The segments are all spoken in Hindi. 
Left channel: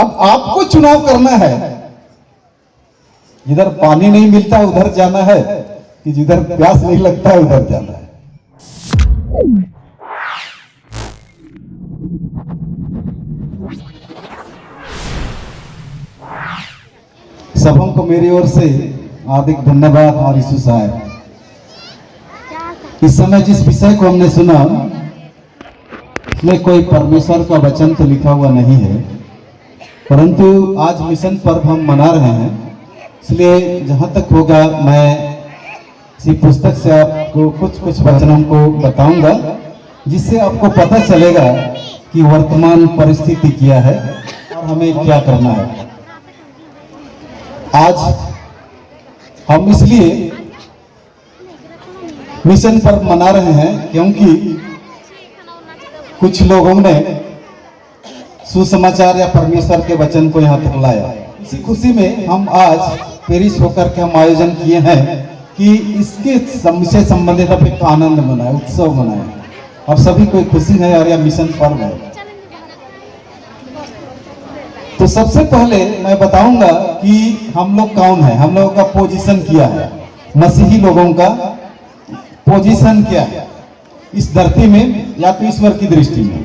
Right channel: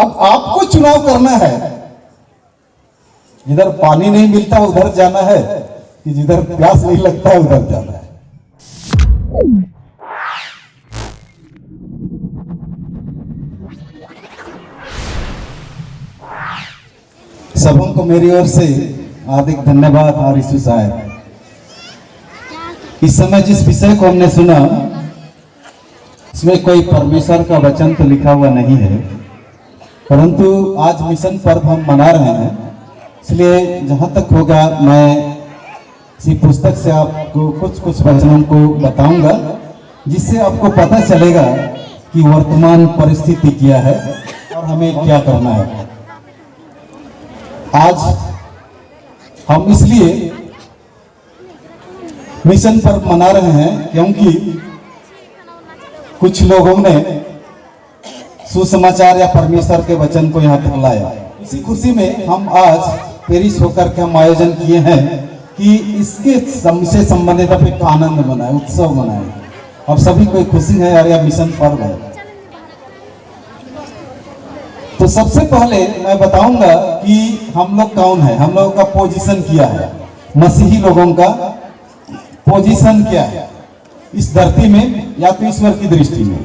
अब आपको चुनाव करना है, जिधर पानी नहीं मिलता उधर जाना है कि जिधर प्यास नहीं लगता उधर जाना है। सबों को मेरी ओर से हार्दिक धन्यवाद। और यीशु साहब, इस समय जिस विषय को हमने सुना इसमें कोई परमेश्वर का वचन तो लिखा हुआ नहीं है, परंतु आज मिशन पर्व हम मना रहे हैं, इसलिए जहां तक होगा मैं इसी पुस्तक से आपको कुछ वचनों को बताऊंगा, जिससे आपको पता चलेगा कि वर्तमान परिस्थिति क्या है और हमें क्या करना है। आज हम इसलिए मिशन पर्व मना रहे हैं क्योंकि कुछ लोगों ने सुसमाचार या परमेश्वर के वचन को यहाँ तक लाया। इसी खुशी में हम आज पेरिस होकर के हम आयोजन किए हैं कि इसके से संबंधित आप एक आनंद मनाए, उत्सव मनाए। अब सभी को एक खुशी है और यह मिशन पर्व है। तो सबसे पहले मैं बताऊंगा कि हम लोग कौन है, हम लोगों का पोजीशन क्या है, मसीही लोगों का पोजीशन क्या है इस धरती में या तो ईश्वर की दृष्टि में।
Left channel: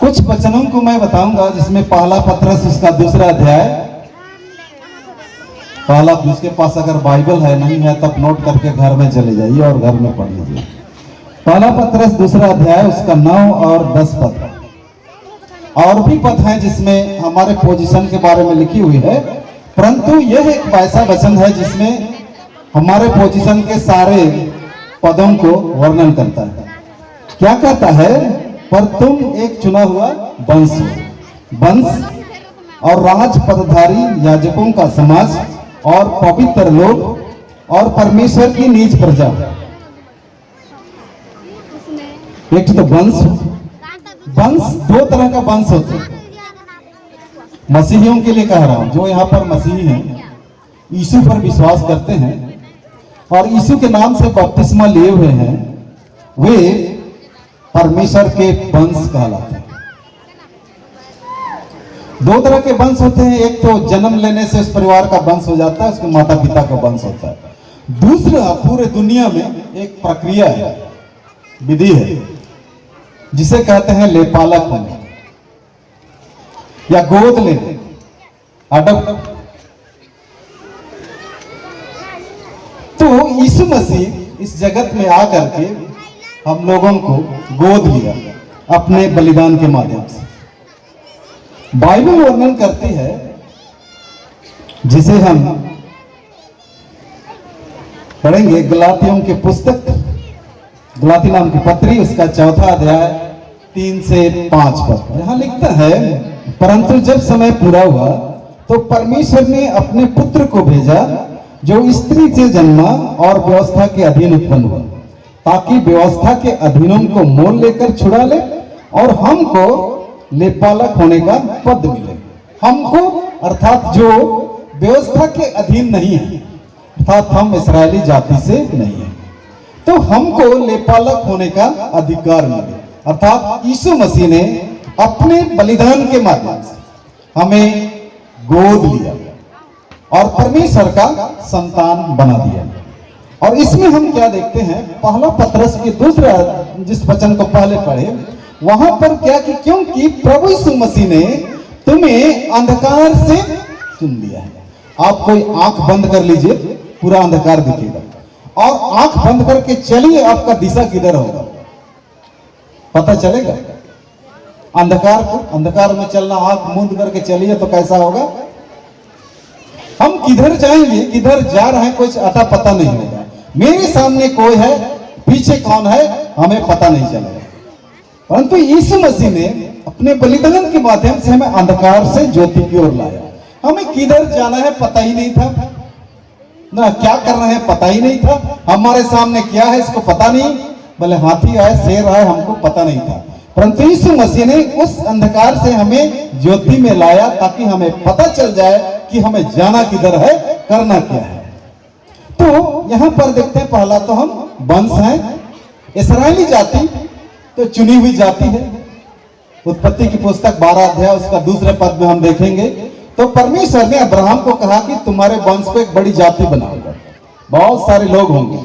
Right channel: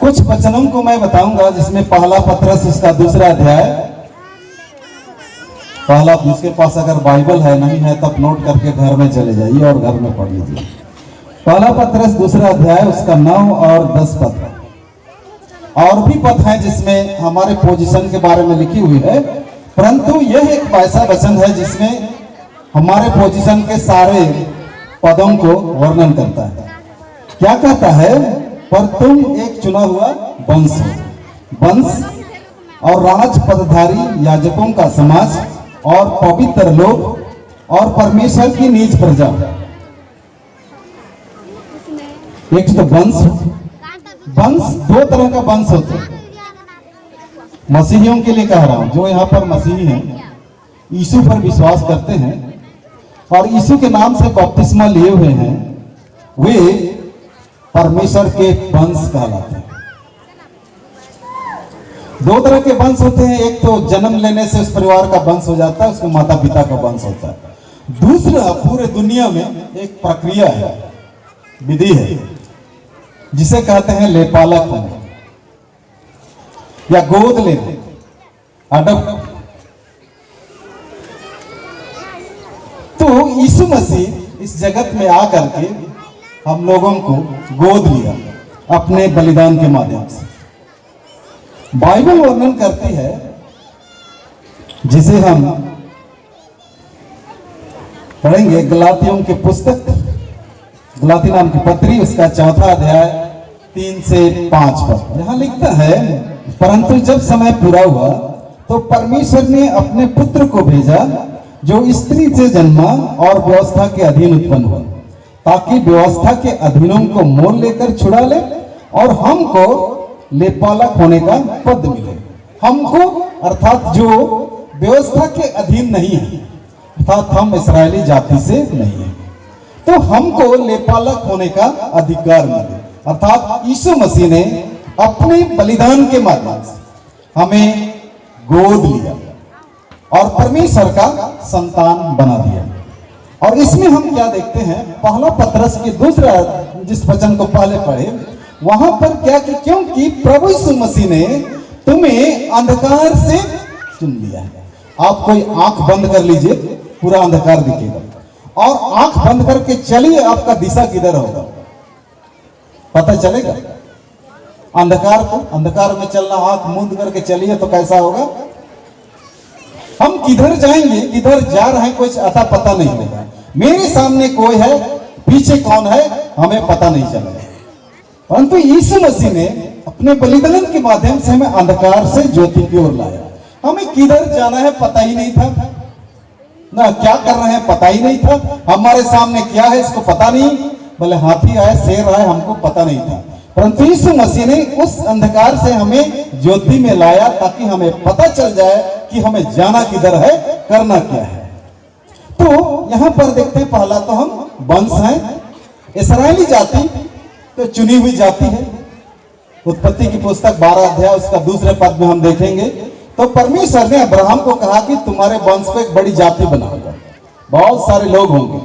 कुछ वचनों को मैं बताऊंगा, जिसमें पहला पत्रस उसका 2 अध्याय, पहला, जिसके पास अगर बाइबल है नहीं है तब नोट करके घर में चले जाइए और घर में पढ़ लीजिए। पहला पत्रस 2 अध्याय उसका 9 और 10 पद। और भी पद है जिसमें हमारे पोजीशन के बारे में लिखी हुई है, परंतु यह एक ऐसा वचन है जिसमें हमारे पोजीशन के सारे पदों को वर्णन करता है। क्या कहता है? पर तुम एक चुना हुआ वंश और राज पदधारी याजकों का समाज और पवित्र लोग और परमेश्वर की नीच प्रजा। एक तो वंश 2 तरह का वंश होते हैं। मसीहियों के लिए कह रहा हूं, जो यहाँ पर मसीही हैं, यीशु पर विश्वास करते हैं और यीशु के नाम से बपतिस्मा लिए हुए हैं, वे परमेश्वर के वंश कहलाते हैं। 2 तरह के वंश होते हैं। एक तो जन्म लेने से उस परिवार का वंश हो जाता है, उसके माता पिता का वंश होता है। दूसरा, पूरे दुनिया में एक प्रक्रिया है, विधि है, जिसे कहते हैं लेपालक होने या गोद लेने, अडॉप्ट। तो यीशु मसीह इस जगत में आकर के हम लोगों को गोद लिया अपने बलिदान के माध्यम से। बाइबल वर्णन करती है, जिसे हम पढ़ेंगे गलातियों की पुस्तक, गलाती नाम की पत्री, उसका 4 अध्याय 3 से 5 पद। यहां लिखता है, परंतु जब समय पूरा हुआ तो परमेश्वर ने अपने पुत्र को भेजा, जो स्त्री से जन्मा और व्यवस्था के अधीन उत्पन्न हुआ, ताकि व्यवस्था के अधीनों को मोल लेकर छुड़ा ले और हमको लेपालक होने का पद मिले। हमको अर्थात जो व्यवस्था के अधीन नहीं है, अर्थात हम इस्राएली जाति से नहीं है, तो हमको लेपालक होने का अधिकार मिले। अर्थात यीशु मसीह ने अपने बलिदान के माध्यम से हमें गोद लिया और परमेश्वर का संतान बना दिया। और इसमें हम क्या देखते हैं? पहला पत्रस के 2 जिस वचन को पहले पढ़े, वहां पर क्या कि क्योंकि प्रभु यीशु मसीह ने तुम्हें अंधकार से चुन लिया है। आप कोई आंख बंद कर लीजिए, पूरा अंधकार दिखेगा, और आंख बंद करके चलिए, आपका दिशा किधर होगा पता चलेगा। अंधकार में चलना, आंख मूंद करके चलिए तो कैसा होगा? हम किधर जाएंगे, किधर जा रहे हैं, कुछ अता पता नहीं लगा। मेरे सामने कोई है, पीछे कौन है, हमें पता नहीं चलेगा। परंतु यीशु मसीह ने अपने बलिदान के माध्यम से हमें अंधकार से ज्योति की ओर लाया। हमें किधर जाना है पता ही नहीं था, ना क्या कर रहे हैं पता ही नहीं था, हमारे सामने क्या है इसको पता नहीं, भले हाथी आए, शेर आए, हमको पता नहीं था। परंतु यीशु मसीह ने उस अंधकार से हमें ज्योति में लाया, ताकि हमें पता चल जाए कि हमें जाना किधर है, करना क्या है। तो यहां पर देखते हैं, पहला तो हम वंश हैं, इस्राएली जाति। तो चुनी हुई जाति है। उत्पत्ति की पुस्तक 12 अध्याय उसका दूसरे पद में हम देखेंगे तो परमेश्वर ने अब्राहम को कहा कि तुम्हारे वंश को एक बड़ी जाति बनाऊंगा, बहुत सारे लोग होंगे,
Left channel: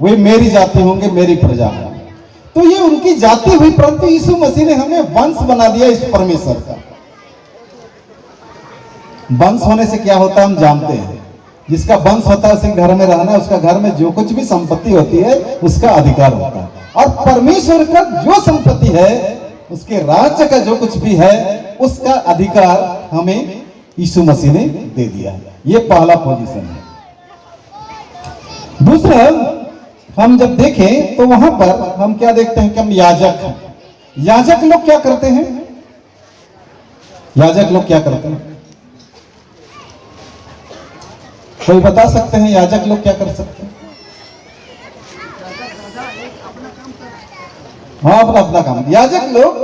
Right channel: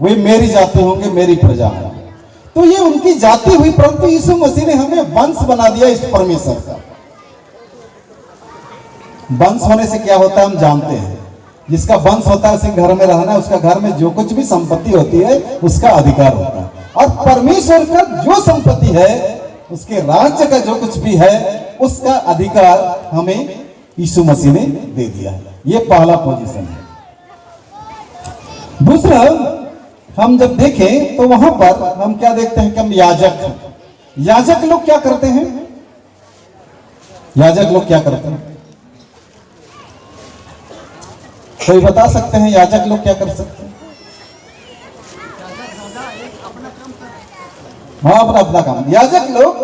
वे मेरी जाति होंगे, मेरी प्रजा होंगे। तो ये उनकी जाति हुई, परंतु यीशु मसीह ने हमें वंश बना दिया इस परमेश्वर का। वंश होने से क्या होता है हम जानते हैं। जिसका वंश होता है उसे घर में रहना, उसका घर में जो कुछ भी संपत्ति होती है उसका अधिकार होता है। और परमेश्वर का जो संपत्ति है, उसके राज्य का जो कुछ भी है, उसका अधिकार हमें यीशु मसीह ने दे दिया है। ये पहला पोजीशन है। दूसरा, हम जब देखें तो वहां पर हम क्या देखते हैं कि हम याजक हैं। याजक लोग क्या करते हैं? याजक लोग क्या करते हैं? कोई बता सकते हैं याजक लोग क्या कर सकते हैं? हाँ, अपना अपना काम। याजक लोग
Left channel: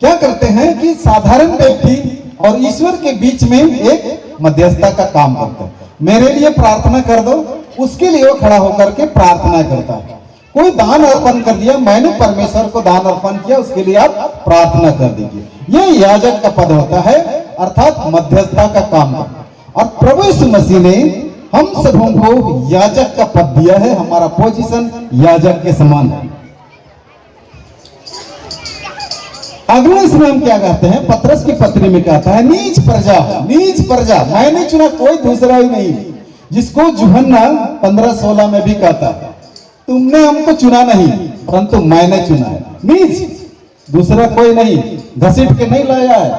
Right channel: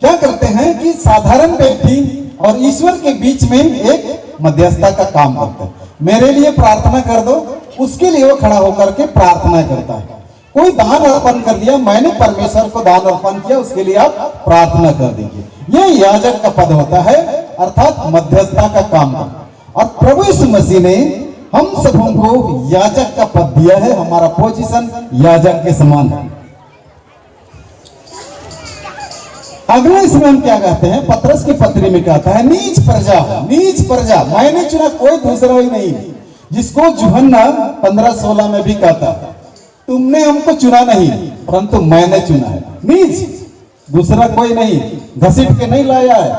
क्या करते हैं कि साधारण व्यक्ति और ईश्वर के बीच में एक मध्यस्थता का काम करते हैं। मेरे लिए प्रार्थना कर दो, उसके लिए वो खड़ा होकर के प्रार्थना करता है। कोई दान अर्पण कर दिया, मैंने परमेश्वर को दान अर्पण किया, उसके लिए आप प्रार्थना कर दीजिए। ये याजक का पद होता है, अर्थात मध्यस्थता का काम। और प्रभु यीशु मसीह ने हम सबों को याजक का पद दिया है। हमारा पोजीशन याजक के समान है। अगले इसमें हम क्या कहते हैं? पतरस की पत्री में कहता है नीच प्रजा, नीच प्रजा, मैंने चुना, कोई दूसरा ही नहीं। जिसको यूहन्ना 15:16 में भी कहता है, तुमने हमको चुना नहीं परंतु मैंने चुना है। नीच, दूसरा कोई नहीं, घसीट के नहीं लाया है।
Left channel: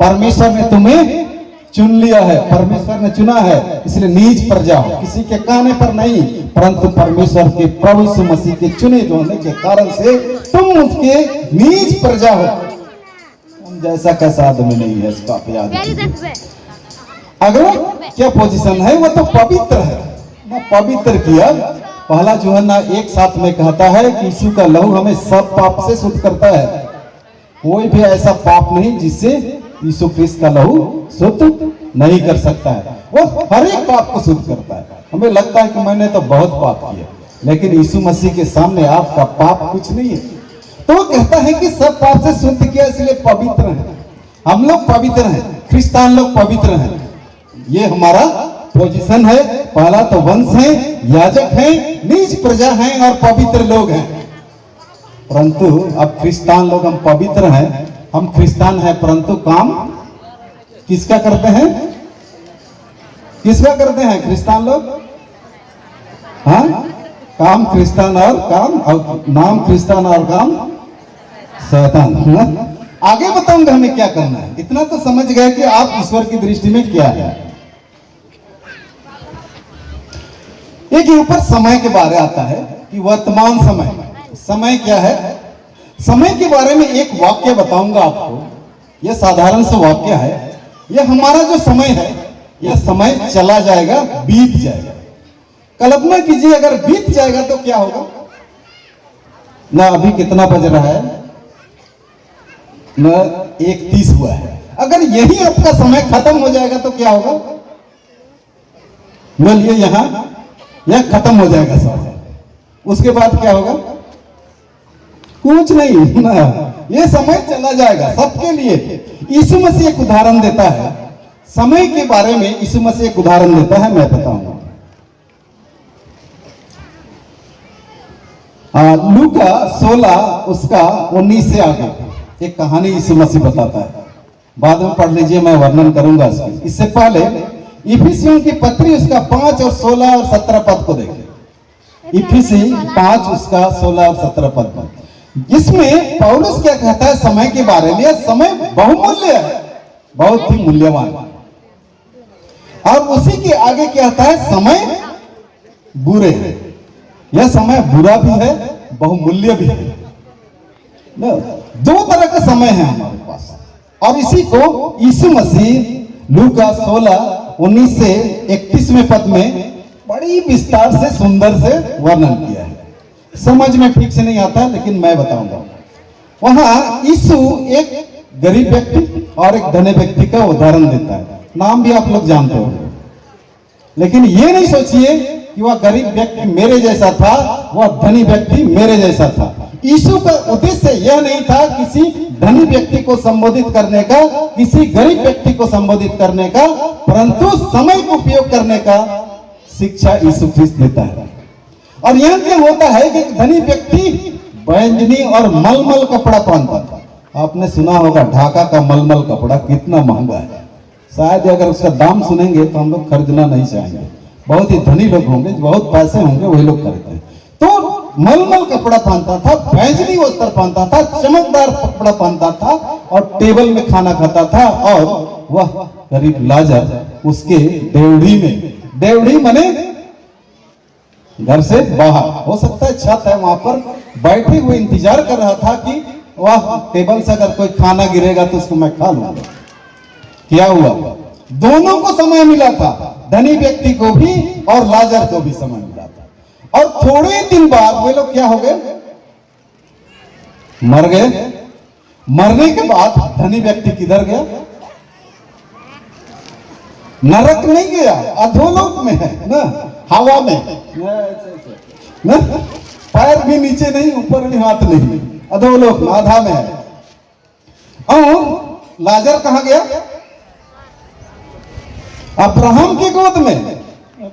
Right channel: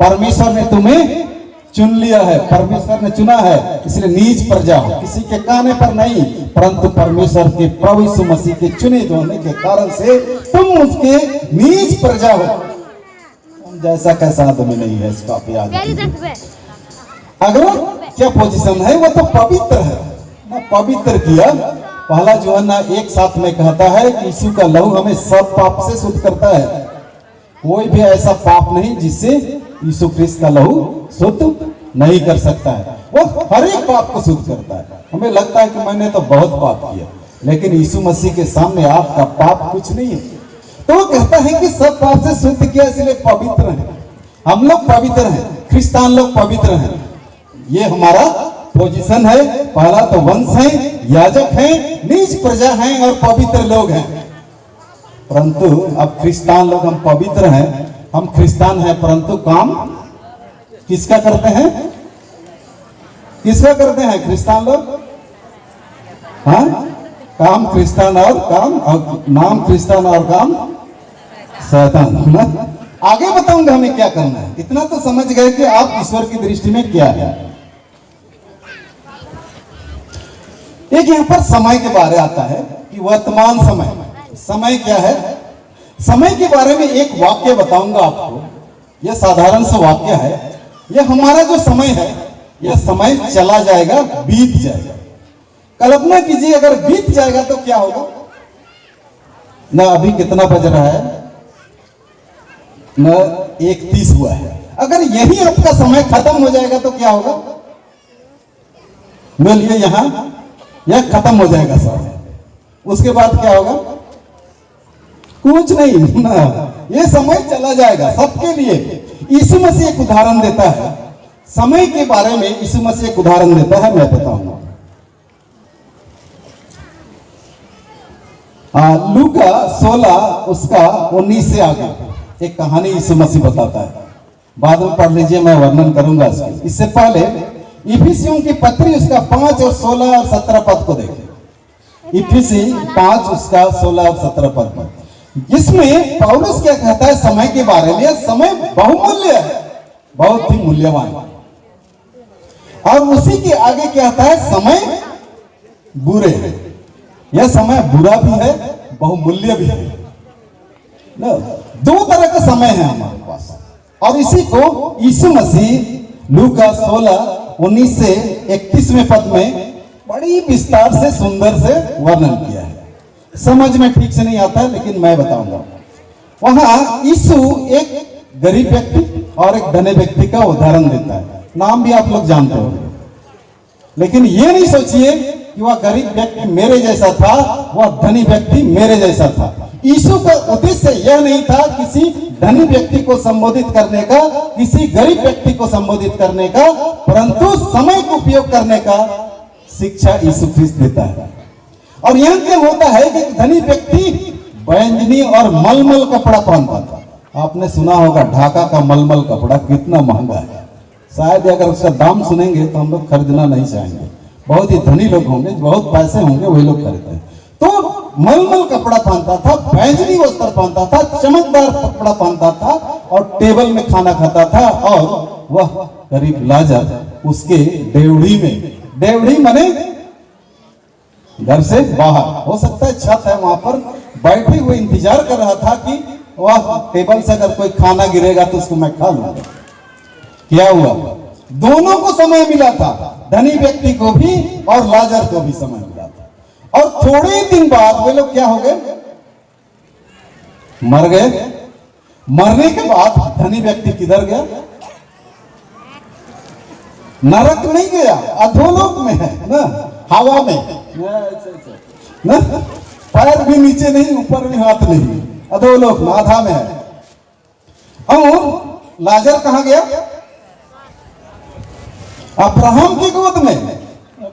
परमेश्वर ने तुम्हें चुन लिया है, परमेश्वर ने चुना है, इसलिए नीच प्रजा हो, किसी के कहने पर नहीं, परंतु परमेश्वर के प्रभु यीशु मसीह के चुने होने के कारण से तुम उसके नीच प्रजा हो। जैसा कैसा आदमी नहीं है, इसका आप याद रखिए। अगर क्या पोजीशन है? वो तो पवित्र है, पवित्र किया। पहला यूहन्ना 1:7 में कहता है कि यीशु का लहू हमें सब पाप से शुद्ध करता है। कोई भी ऐसा पाप नहीं जिससे यीशु क्रिस्त का लहू शुद्ध नहीं कर सकता है। वो हर एक पाप को शुद्ध करता है। हमें लगता है कि मैंने तो बहुत पाप किया, लेकिन यीशु मसीह के सामने आपका पाप कुछ नहीं है। तो वो कहता है कि सब पाप से शुद्ध किया, इसलिए पवित्र है। हम लोग पवित्र हैं, क्रिस्तान लोग पवित्र हैं। ये हमारा पोजीशन है। पहला तो वंश है, याजक है, नीच प्रजा है और पवित्र लोग हैं। परंतु अब क्रिस्तान लोग हम पवित्र हैं, हम क्रिस्तान हैं, परंतु काम किसका करते हैं? किसका करते हैं क्रिस्तान लोग? हाँ, काम क्रिस्तान और काम, और नाम क्रिस्तान और काम शैतान। आगे बताऊंगा हमें क्या करना है। इतना तो समझ गए कि आप ईश्वर की दृष्टि में क्या है। एक यहाँ पर समय के बारे आता है कि वर्तमान समय, समय क्या है? समय के बारे में एक वाक्य बताऊंगा आपको। यह साधारण सा वाक्य है। यह हमारा जो समय है, यह समय चला जाएगा, बीत जाएगा। कल्पना कीजिए अगर बीत जाएगा तो क्या होगा ना। अभी कितना बज रहा है ना, 1:30 हुआ है। अगर यही आपका समय खत्म हो जाएगा तो क्या होगा? बोलिए, यहां यह खत्म हो जाएगा समय। उसके बाद क्या होगा? कुछ नहीं ना, ये समय चला जाएगा सबके लिए। यीशु मसीह एक उदाहरण देता है समय के बारे में। यीशु मसीह एक उदाहरण देता है, मैं बताऊंगा। लूका 16 उसका 19 से आगे एक कहानी यीशु मसीह बताता है। बाद में पढ़ लीजिए, मैं वर्णन करूंगा इसके। इससे पहले इफिसियों की पत्री उसका 5 और 16 और 17 पद को देखें। इफिसी 5 उसका 16 और 17 पद में, जिसमें पौलुस क्या कहता है समय के बारे में। समय बहुमूल्य है, बहुत ही मूल्यवान है। और उसी के आगे क्या कहता है? समय बुरे है। यह समय बुरा भी है, बहुमूल्य भी है। दो तरह का समय है हमारे पास। और इसी को यीशु मसीह लूका 16:19 से 31वें पद में बड़ी विस्तार से, सुंदर से वर्णन किया है। समझ में ठीक से नहीं आता है, लेकिन मैं बताऊंगा। वहां यीशु एक गरीब व्यक्ति और एक धनी व्यक्ति का उदाहरण देता है। नाम भी आप लोग जानते हो, लेकिन ये नहीं सोचिए कि वह गरीब व्यक्ति मेरे जैसा था, वह धनी व्यक्ति मेरे जैसा था। यीशु का उद्देश्य यह नहीं था किसी धनी व्यक्ति को संबोधित करने का, किसी गरीब व्यक्ति को संबोधित करने का, परंतु समय को उपयोग करने का शिक्षा यीशु ख्रिस्त देता है। और यह क्या होता है कि धनी व्यक्ति बैंजनी और मलमल कपड़ा पहनता था। आपने सुना होगा ढाका का मलमल कपड़ा कितना महंगा है। शायद अगर उसका दाम सुनेंगे तो हम लोग खरीदना नहीं चाहेंगे। बहुत ही धनी लोग होंगे, बहुत पैसे होंगे, वही लोग खरीदते हैं। तो मलमल कपड़ा पहनता था, बैंजनी वस्त्र पहनता था, चमकदार कपड़ा पहनता था और टेबल में खाना खाता था। और वह गरीब लाजर उसके डेवढ़ी माने घर से बाहर, हो सकता है छत है, वहां पर बैठे हुए इंतजार कर रहा था कि वह टेबल से अगर कोई खाना गिरेगा तो उसको मैं खा लूंगा। क्या हुआ? दोनों को समय मिला था, धनी व्यक्ति को भी और लाजर को भी समय मिला था। और थोड़े ही दिन बाद वे लोग क्या हो गए? मर गए। मरने के बाद धनी व्यक्ति किधर गया? नरक नहीं गया, अधोलोक में है ना, हवा में ना, पैर भी नीचे नहीं, ऊपर भी हाथ नहीं, अधोलोक में, आधा में है। और लाजर कहां गया? अब्राहम की गोद में।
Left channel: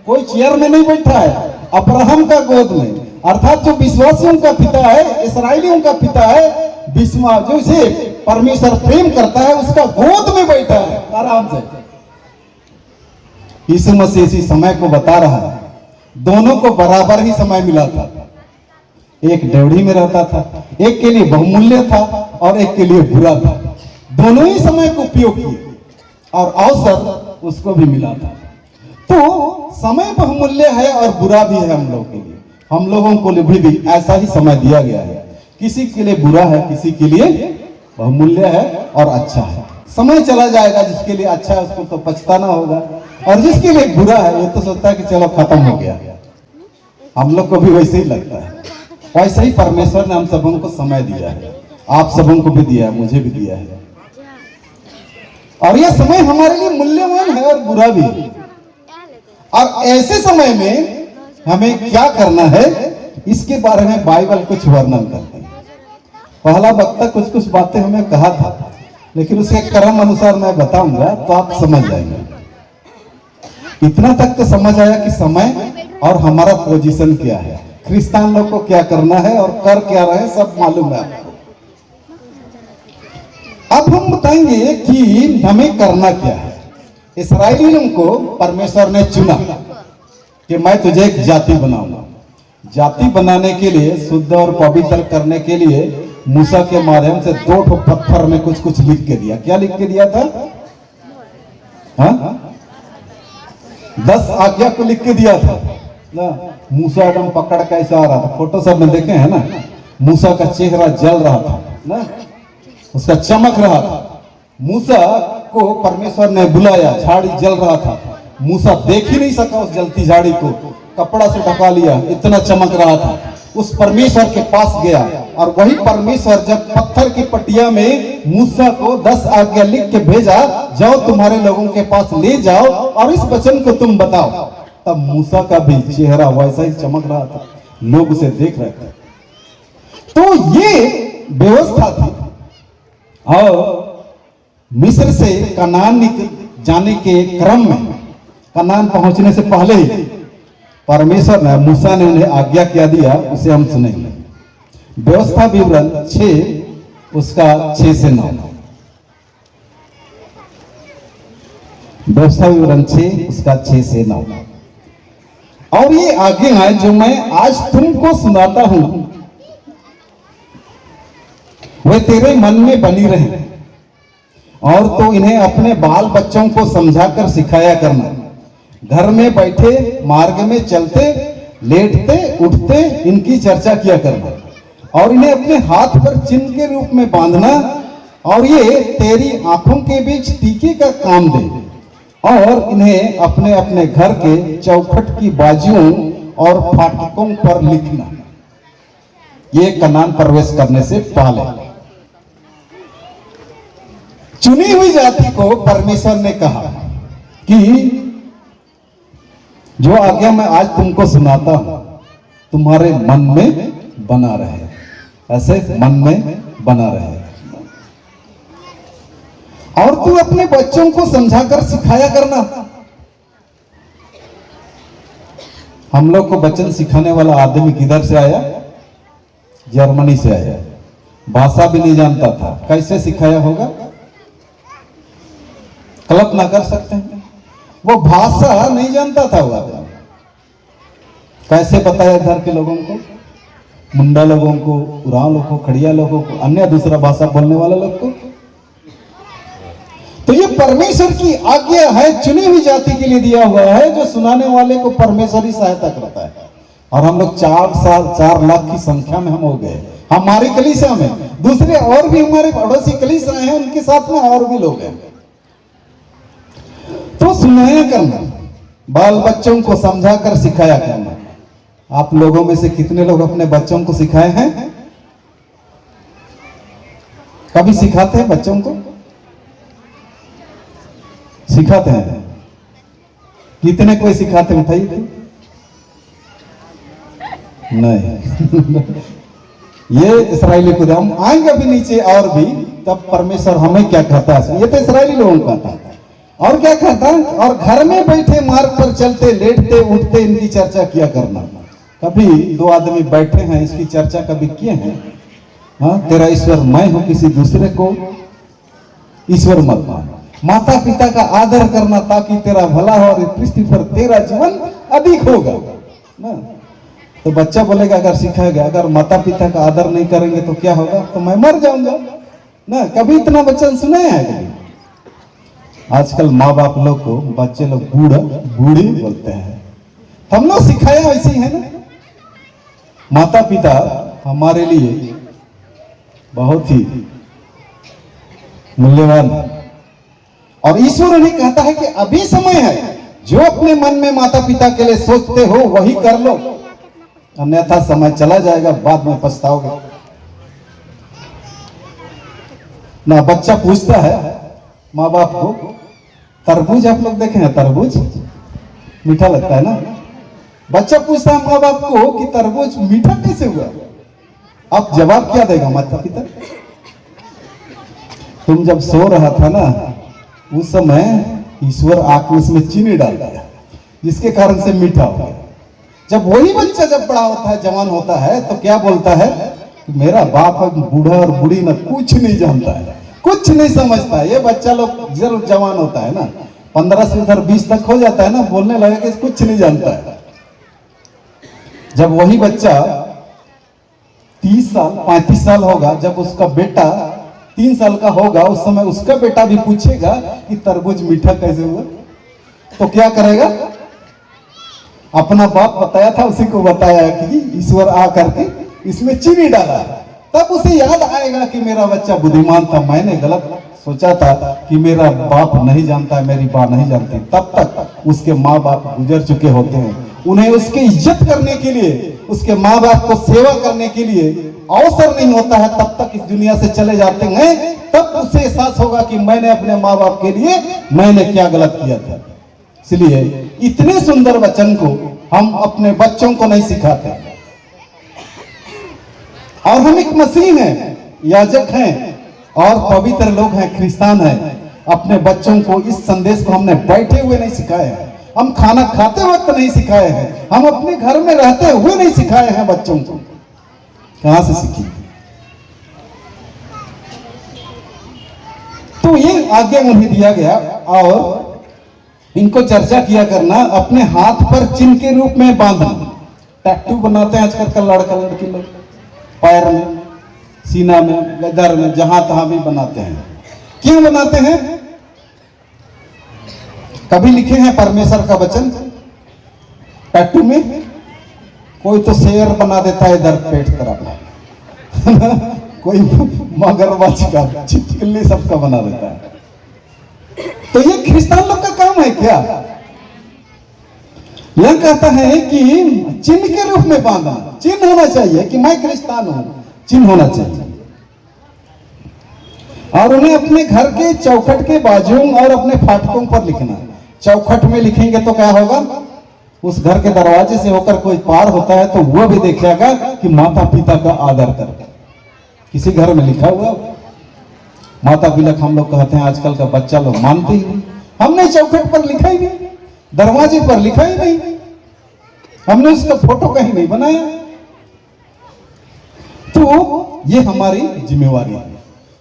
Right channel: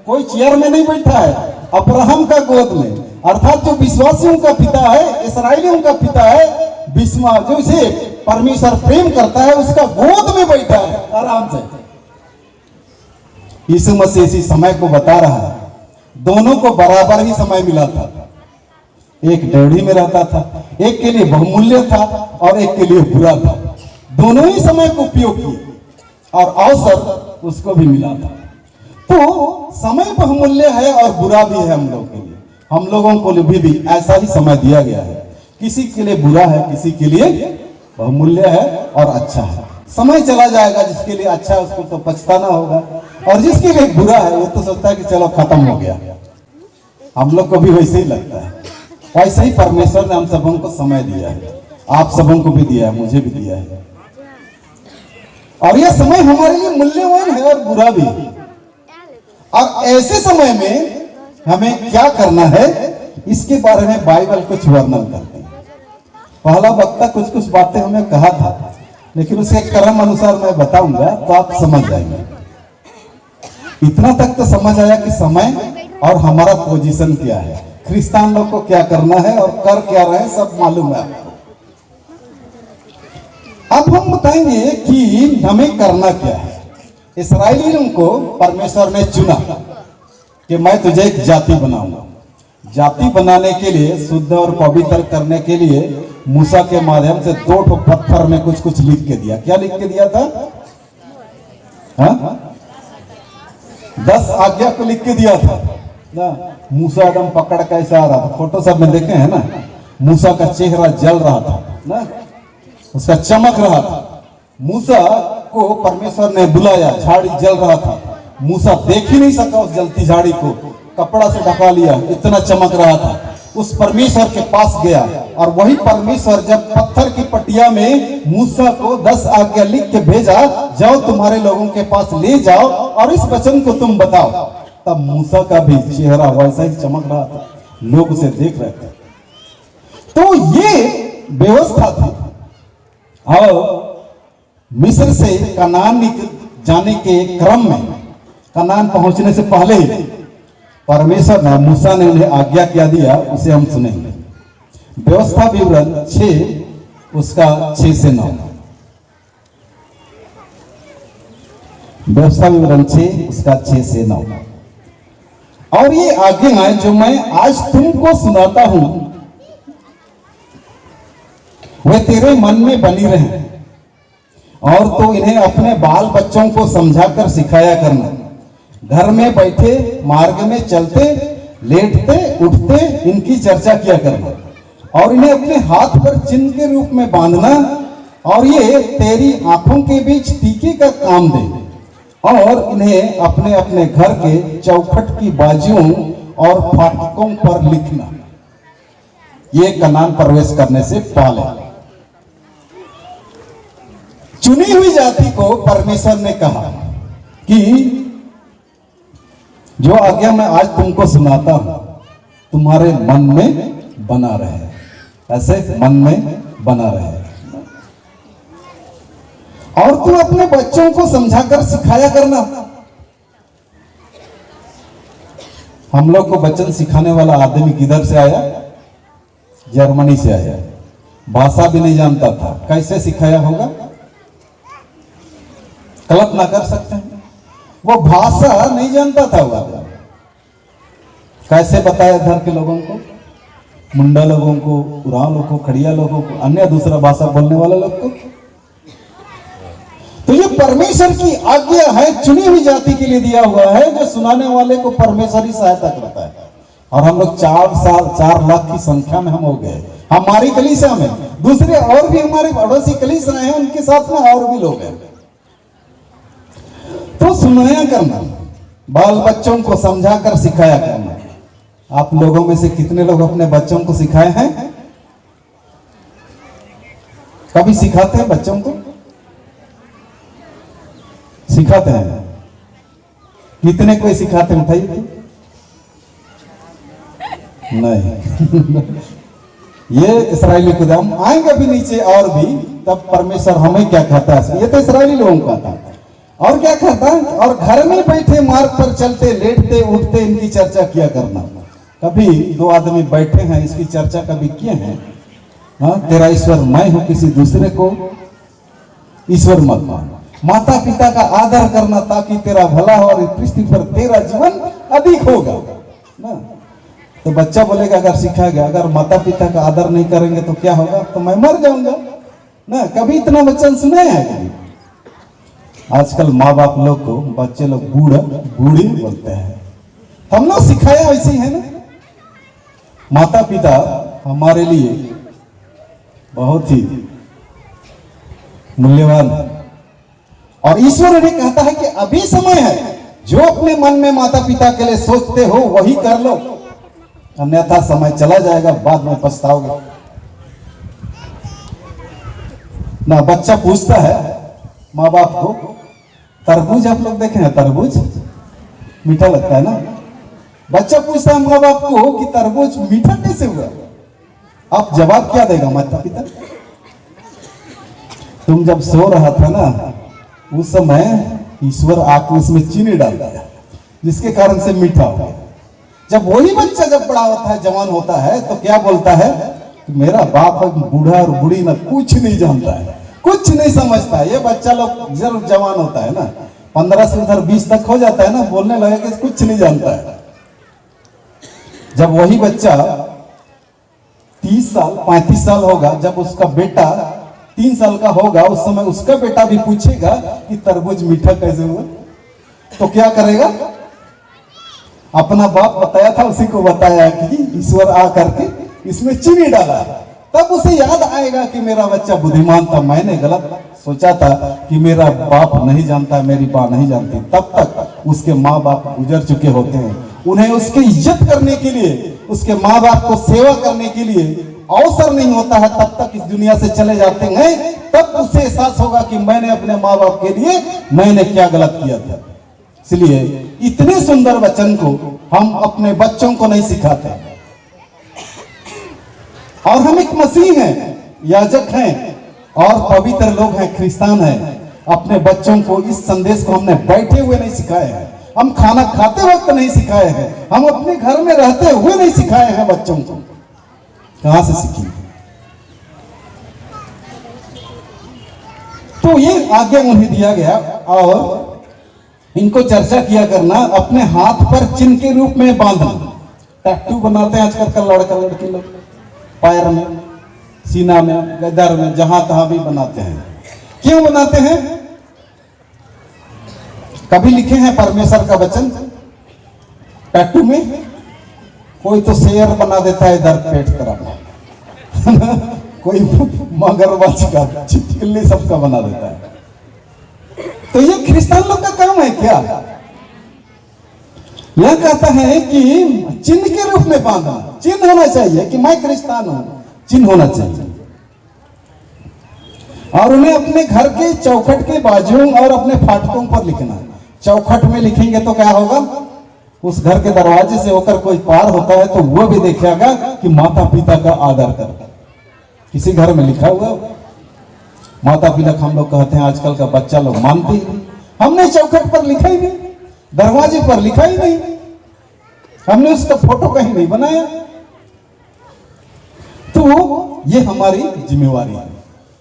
कोई चेयर में नहीं बैठा है, अब्राहम का गोद में, अर्थात जो विश्वासियों का पिता है, इस्राएलियों का पिता है, जो इसे परमेश्वर प्रेम करता है, उसका गोद में बैठा है आराम से। यीशु मसीह इसी समय को बता रहा है। दोनों को बराबर ही समय मिला था। एक डेढ़ी में रहता था, एक के लिए बहुमूल्य था और एक के लिए बुरा था। दोनों ही समय को उपयोग किए और अवसर उसको भी मिला था। तो समय बहुमूल्य है और बुरा भी है हम लोग के लिए। हम लोगों को भी ऐसा ही समय दिया गया है। किसी के लिए बुरा है, किसी के लिए बहुमूल्य है और अच्छा है। समय चला जाएगा, जिसके लिए अच्छा है उसको तो पछताना होगा, और जिसके लिए बुरा है वो तो सोचता है कि चलो खत्म हो गया। हम लोग को भी वैसे ही लगता है। वैसे ही परमेश्वर ने हम सबों को समय दिया है, आप सबों को भी दिया है, मुझे भी दिया है। और यह समय हमारे लिए मूल्यवान है और बुरा भी। और ऐसे समय में हमें क्या करना है, इसके बारे में बाइबल कुछ वर्णन करते हैं। पहला वक्ता कुछ कुछ बातें हमें कहा था, लेकिन उसके क्रम अनुसार मैं बताऊंगा तो आप समझ जाएंगे। इतना तक तो समझ आया कि समय और हमारा पोजीशन क्या है, क्रिस्तान लोग को क्या करना है और कर क्या रहे हैं, सब मालूम है आपको। अब हम बताएंगे कि हमें करना क्या है। इस्राएलियों को परमेश्वर ने चुना कि मैं तुझे एक जाति बनाऊंगा। जाति बनाने के लिए, शुद्ध और पवित्र करने के लिए मूसा के माध्यम से 2 पत्थर में कुछ कुछ लिख के दिया। क्या लिख के दिया था? 10 आज्ञा को लिख के दिया था ना। मूसा एकदम पकड़ के ऐसा आ रहा था, फोटो सब में देखे हैं ना। मूसा का चेहरा जल रहा था ना, उसका चमक रहा था। मूसा को परमेश्वर ने बुलाया, झाड़ी जल रहा था। मूसा देख ही नहीं सका उस जलती झाड़ी को, कपड़ा से ढका लिया, इतना चमक रहा था। उस परमेश्वर के पास गया और वही परमेश्वर जब पत्थर की पटिया में मूसा को 10 आज्ञा लिख के भेजा, जाओ तुम्हारे लोगों के पास ले जाओ और इस वचन को तुम बताओ, तब मूसा का भी चेहरा वैसा ही चमक रहा था, लोग उसे देख रहे थे। तो ये व्यवस्था थी। और मिस्र से कनान जाने के क्रम में, कनान पहुंचने से पहले ही परमेश्वर ने, मूसा ने उन्हें आज्ञा क्या दिया, उसे हम सुनेंगे। व्यवस्था विवरण 6 उसका 6 से 9। व्यवस्था विवरण 6 उसका 6 से 9। और ये आज्ञा है जो मैं आज तुमको सुनाता हूं, वे तेरे मन में बनी रहे, और तो इन्हें अपने बाल बच्चों को समझाकर सिखाया करना। घर में बैठे, मार्ग में चलते, लेटते उठते इनकी चर्चा किया करना, और इन्हें अपने हाथ पर चिन्ह के रूप में बांधना, और ये तेरी आंखों के बीच टीके का काम दे, और इन्हें अपने अपने घर के चौखट की बाजुओं और फाटकों पर लिखना। ये कनान प्रवेश करने से पहले चुनी हुई जाति को परमेश्वर ने कहा कि जो आज्ञा मैं आज तुमको सुनाता हूं तुम्हारे मन में बना रहे। ऐसे मन में बना रहे। और तू अपने बच्चों को समझाकर सिखाया करना। हम लोग को वचन सिखाने वाला आदमी किधर से आया? जर्मनी से आया। भाषा भी नहीं जानता था, कैसे सिखाया होगा? कल्पना कर सकते हैं, वो भाषा नहीं जानता था। वो कैसे बताया घर के लोगों को, मुंडा लोगों को, उराव लोगों को, खड़िया लोगों को, अन्य दूसरा भाषा बोलने वाले लोग को? तो ये परमेश्वर की आज्ञा है, चुनी हुई जाति के लिए दिया हुआ है, जो सुनाने वाले को परमेश्वर ही सहायता करता है। और हम लोग 4 लाख की संख्या में हम हो गए। हमारी कलीसिया में दूसरे और भी हमारे पड़ोसी कलीसिया हैं, उनके साथ में और भी लोग हैं। तो सुनाया करना, बाल बच्चों को समझाकर सिखाया करना। आप लोगों में से कितने लोग अपने बच्चों को सिखाए हैं? कभी सिखाते हैं बच्चों को? सिखाते हैं? कितने कोई सिखाते हैं? उठाइए। नहीं। ये इस्राएली खुदा, हम आएंगे अभी नीचे और भी, तब परमेश्वर हमें क्या कहता है। ये तो इस्राएली लोगों का था। और क्या कहता है? और घर में बैठे मार्ग पर चलते, लेटते उठते इनकी चर्चा किया करना। कभी 2 आदमी बैठे हैं, इसकी चर्चा कभी किए हैं? हाँ, तेरा ईश्वर मैं हूं, किसी दूसरे को ईश्वर मत मान। माता पिता का आदर करना ताकि तेरा भला हो और इस पृथ्वी पर तेरा जीवन अधिक होगा ना। तो बच्चा बोलेगा, अगर सीखा गया, अगर माता पिता का आदर नहीं करेंगे तो क्या होगा? तो मैं मर जाऊंगा ना। कभी इतना वचन सुने हैं? कभी? आजकल माँ बाप लोग को बच्चे लोग बूढ़ी बोलते हैं। हम लोग सिखाया वैसे ही है ना। माता पिता हमारे लिए बहुत ही मूल्यवान है, और ईश्वर उन्हें कहता है कि अभी समय है, जो अपने मन में माता पिता के लिए सोचते हो वही कर लो, अन्यथा समय चला जाएगा, बाद में पछताओगे ना। बच्चा पूछता है माँ बाप को, तरबूज आप लोग देखे हैं? तरबूज मीठा लगता है ना। बच्चा पूछता है माँ बाप को कि तरबूज मीठा कैसे हुआ? आप जवाब क्या देगा माता पिता? तुम जब सो रहा था ना, उस समय ईश्वर आके उसमें चीनी डाल दिया, जिसके कारण से मीठा हो गया। जब वही बच्चा जब बड़ा होता है, जवान होता है, तो क्या बोलता है? मेरा बाप बूढ़ा और बूढ़ी ना कुछ नहीं जानता है, कुछ नहीं समझता है। ये बच्चा लोग जब जवान होता है ना, 15 से उधर 20 तक हो जाता है ना, बोलने लगे कि कुछ नहीं जानता है। जब वही बच्चा 30 साल 35 साल होगा, जब उसका बेटा 3 साल का होगा, उस समय उसका बेटा भी पूछेगा कि तरबूज मीठा कैसे हुआ, तो क्या करेगा? अपना बाप बताया था उसी को बताया कि ईश्वर आ करके इसमें चीनी डाला। तब उसे याद आएगा कि मेरा बच्चा बुद्धिमान था, मैंने गलत सोचा था कि मेरा बाप नहीं जानता, मेरी माँ नहीं जानती। तब तक उसके माँ बाप गुजर चुके होते हैं। उन्हें उसके इज्जत करने के लिए, उसके माँ बाप को सेवा करने के लिए अवसर नहीं होता है, तब तक इस दुनिया से चले जाते हैं। तब उसे एहसास होगा कि मैंने अपने माँ बाप के लिए मैंने क्या गलत किया था। इसलिए इतने सुंदर वचन को हम अपने बच्चों को नहीं सिखाते। और हम एक मसीह हैं, याजक हैं और पवित्र लोग हैं, क्रिस्तान हैं। अपने बच्चों को इस संदेश को हमने बैठे हुए नहीं सिखाए हैं, हम खाना खाते वक्त नहीं सिखाए हैं, हम अपने घर में रहते हुए नहीं सिखाए हैं बच्चों को। कहां से सीखेंगे? तो ये आज्ञा उन्हें दिया गया। और इनको चर्चा किया करना, अपने हाथ पर चिन्ह के रूप में बांधना। टैटू बनाते हैं आजकल का लड़का लड़की लोग, पैर में, सीना में, गदर में, जहां तहां भी बनाते हैं। क्यों बनाते हैं? कभी लिखे हैं परमेश्वर का वचन टैटू में? कोई तो शेर बना देता है इधर पेट तरफ कोई मगरमच्छ का, छिपकली सबका बना देता है। तो ये क्रिस्तान लोग का काम है क्या? यह कहता है कि चिन्ह के रूप में बांधना, चिन्ह होना चाहिए कि मैं क्रिस्तान हूं, चिन्ह होना चाहिए। और उन्हें अपने घर के चौखट के बाजुओं और अपने फाटकों पर लिखना। चौखट में लिखेंगे तो क्या होगा? उस घर के दरवाजे से होकर कोई पार होता है तो वो भी देखेगा कि माता पिता का आदर करता। किसी घर में लिखा हुआ? माता पिता हम लोग कहते हैं, आजकल का बच्चा लोग मानते ही नहीं। हमने चौखट पर लिखा ही नहीं, दरवाजे पर लिखा ही नहीं, हमने उसका फोटो कहीं नहीं बनाया। तो ये हमारी जिम्मेवारी है।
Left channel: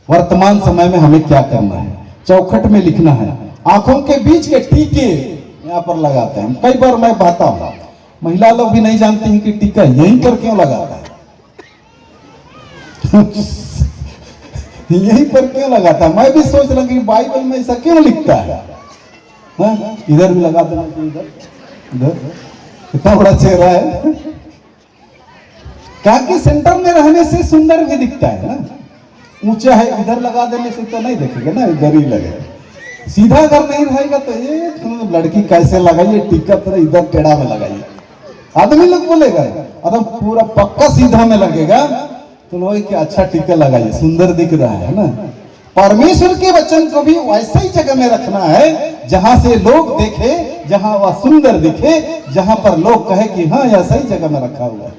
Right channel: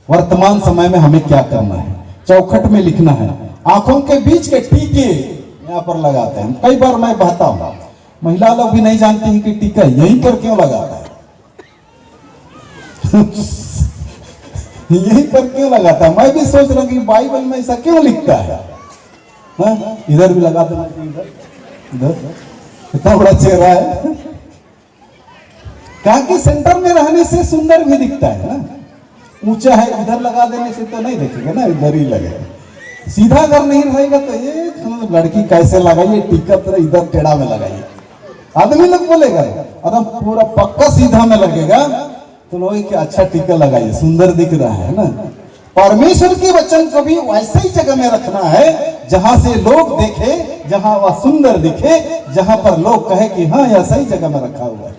वर्तमान समय में हमें क्या करना है? चौखट में लिखना है। आंखों के बीच के टीके यहाँ पर लगाते हैं। कई बार मैं कहता हूं, महिला लोग भी नहीं जानती हैं कि टीका यहीं पर क्यों लगाता है। यहीं पर क्यों लगाता है? मैं भी सोच रहा हूं कि बाइबल में ऐसा क्यों लिखता है। इधर भी लगा देना चाहिए, इधर कितना बड़ा चेहरा है। कहा कि सेंटर में रहने से सुंदर भी दिखता है ना। ऊंचा है, इधर लगा देने से तो नहीं देखेगा ना, इधर ही लगेगा। सीधा अगर नहीं रहेगा तो ये मतलब लड़की कैसे लगाइए टीका, तरह इधर टेढ़ा में लगाइए, आदमी लोग बोलेगा। अरे पूरा पक्का सीधा में लगेगा तो लोग कि अच्छा टीका लगाइए, सुंदर दिख रहा है ना। परमेश्वर के वचन को भी वैसे ही जगह में रखना है जहां से लोग देखे, जहां वह सुंदर दिखे, जहां पर लोग कहे कि हाँ यह सही जगह में रखा हुआ है।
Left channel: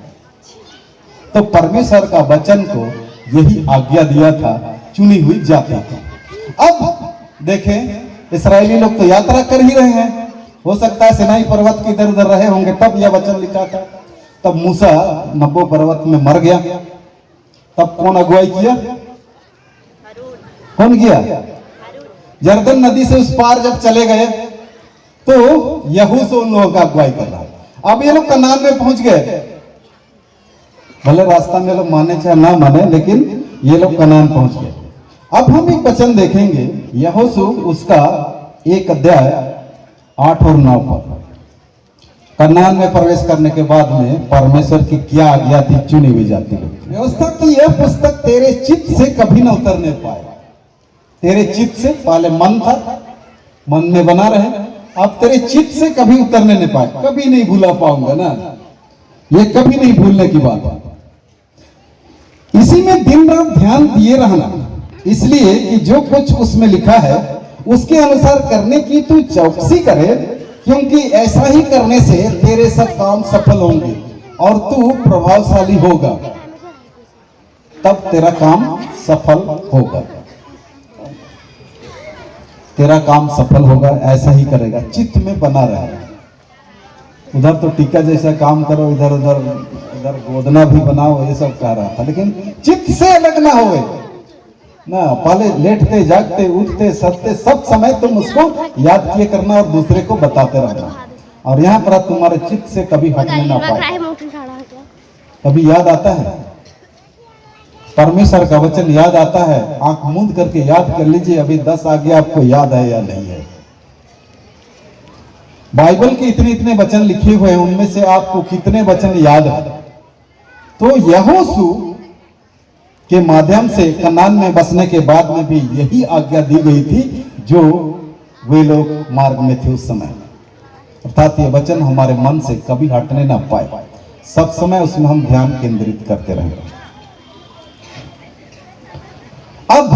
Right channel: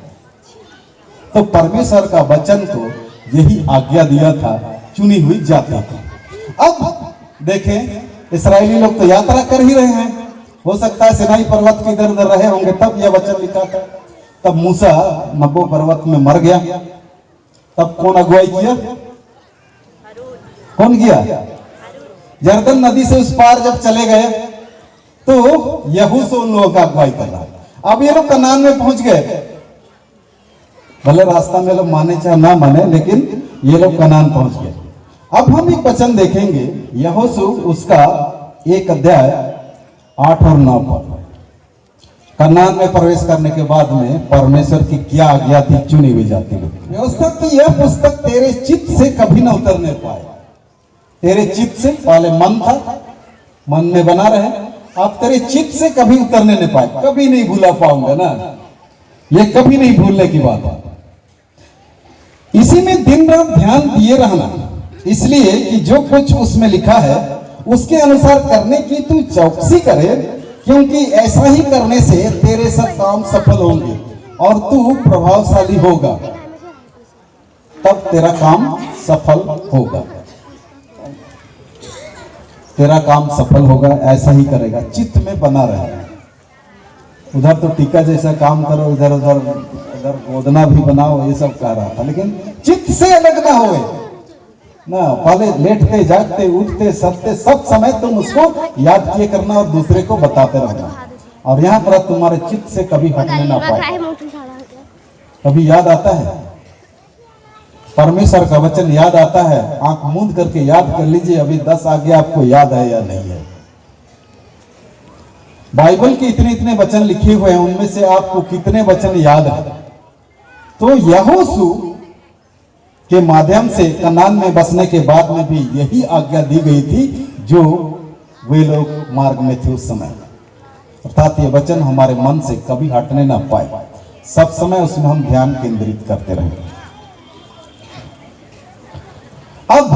तो परमेश्वर का वचन को यही आज्ञा दिया था चुनी हुई जाति को। अब देखें, इस्राएली लोग तो यात्रा कर ही रहे हैं। हो सकता है सिनाई पर्वत के इधर उधर रहे होंगे, तब यह वचन लिखा था। तब मूसा नबो पर्वत में मर गया, तब कौन अगुवाई किया? कौन किया? यरदन नदी से उस पार जब चले गए तो यहोशू उन लोगों का अगुवाई कर रहा। अब ये लोग कनान में पहुंच गए। भले रास्ता में लोग माने चाहे ना माने, लेकिन ये लोग कनान पहुंच गए। अब हम एक वचन देखेंगे, यहोशू उसका 1 अध्याय 8 और 9 पर। कनान में प्रवेश करने के बाद में परमेश्वर की क्या आज्ञा थी चुनी हुई जाति को। व्यवस्था की यह पुस्तक तेरे चित्त से कभी न उतरने पाए। तेरे चित्त से, पहले मन था, मन में बना रहे। आप तेरे चित्त से कभी उतरने नहीं पाए, कभी नहीं भूला पाऊंगा ना, ये कभी नहीं भूलने की बात है। इसी में दिन रात ध्यान दिए रहना, इसलिए कि जो कुछ उसमें लिखा है उसके अनुसार करने की तू चौकसी करे, क्योंकि ऐसा ही करने से तेरे सब काम सफल होंगे और तू प्रभावशाली होगा। तब तेरा काम सफल होगा, तेरा काम सफल होगा, ऐसा ही करेगा। चित्त में बना रहेगा। उधर तो टीका जैसा काम करो, इधर उधर इधर गोदना भी बनाओ, ये सब कह रहा था, लेकिन चित्त से अलग ना होए ना। पहले लेटते जागते उठते सत्ते सब समय तुम उसको याद किए करना और दूसरे को बताते रहना। और यहाँ पर तुम्हारे चित्त से कभी हटने ना पाए। कभी याद आता है परमेश्वर का वचन, याद आता है, आंख मूंद करके याद कर लीजिए अभी 10 आज्ञा आपको याद है या नहीं है। बाइबल के इतने इतने वचन लिखे हुए हैं, उनमें से आपको कितने वचन याद है? तो यहोशू के माध्यम से कनान में बसने के बाद में भी यही आज्ञा दी गई थी जो वे लोग मार्ग में थे उस समय। अर्थात ये वचन हमारे मन से कभी हटने ना पाए, सब समय उसमें हम ध्यान केंद्रित करते रहे। अब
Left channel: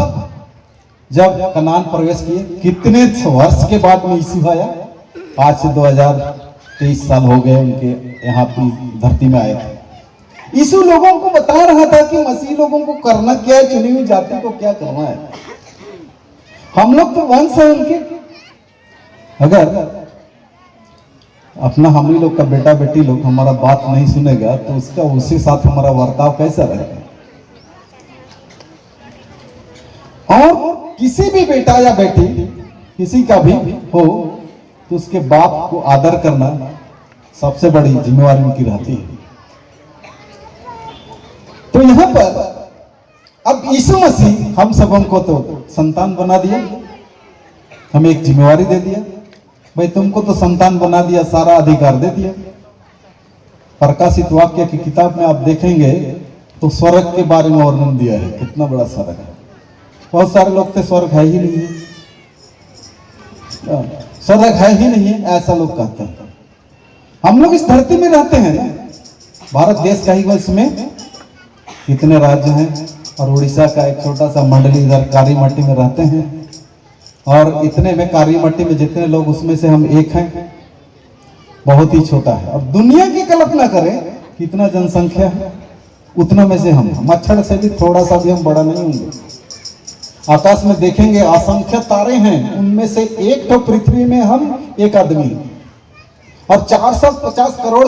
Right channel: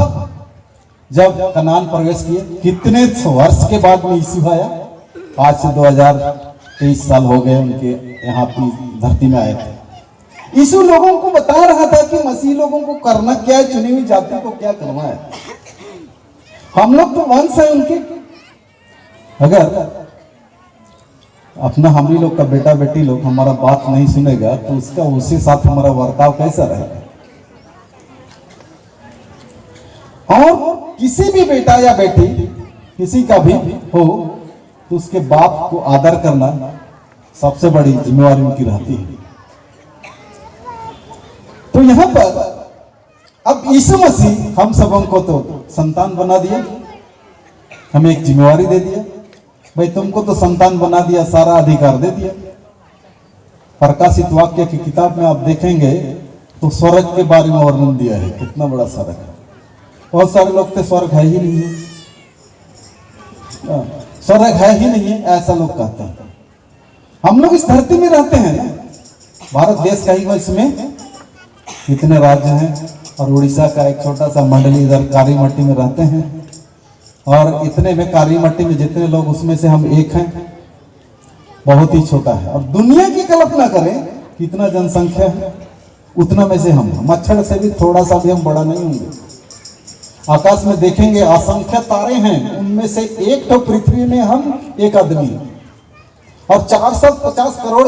जब कनान प्रवेश किए, कितने वर्ष के बाद में यीशु आया? आज से 2023 साल हो गए उनके यहाँ की धरती में आए थे। यीशु लोगों को बता रहा था कि मसीह लोगों को करना क्या है, चुनी हुई जाति को क्या करना है। हम लोग तो वंश है उनके। अगर अपना हम ही लोग का बेटा बेटी लोग हमारा बात नहीं सुनेगा तो उसका उसी साथ हमारा वर्ताव कैसा रहेगा? और किसी भी बेटा या बेटी किसी का भी हो तो उसके बाप को आदर करना सबसे बड़ी जिम्मेवारी उनकी रहती है। तो यहां पर अब यीशु मसीह हम सबों को तो संतान बना दिया, हमें एक जिम्मेवारी दे दिया, भाई तुमको तो संतान बना दिया, सारा अधिकार दे दिया। प्रकाशित वाक्य की किताब में आप देखेंगे तो स्वर्ग के बारे में वर्णन दिया है, कितना बड़ा स्वर्ग है। बहुत सारे लोग तो स्वर्ग है ही नहीं, स्वर्ग है ही नहीं, ऐसा लोग कहते हैं। हम लोग इस धरती में रहते हैं ना, भारत देश का ही वो, इसमें कितने राज्य हैं और उड़ीसा का एक छोटा सा मंडली इधर कारी मट्टी में रहते हैं। और इतने में कारी मट्टी में जितने लोग, उसमें से हम एक हैं, बहुत ही छोटा है। और दुनिया की कल्पना करें कितना जनसंख्या है, उतना में से हम मच्छर से भी थोड़ा सा भी हम बड़ा नहीं होंगे। आकाश में देखेंगे असंख्य तारे हैं, उनमें से एक तो पृथ्वी में हम एक आदमी, और 450 करोड़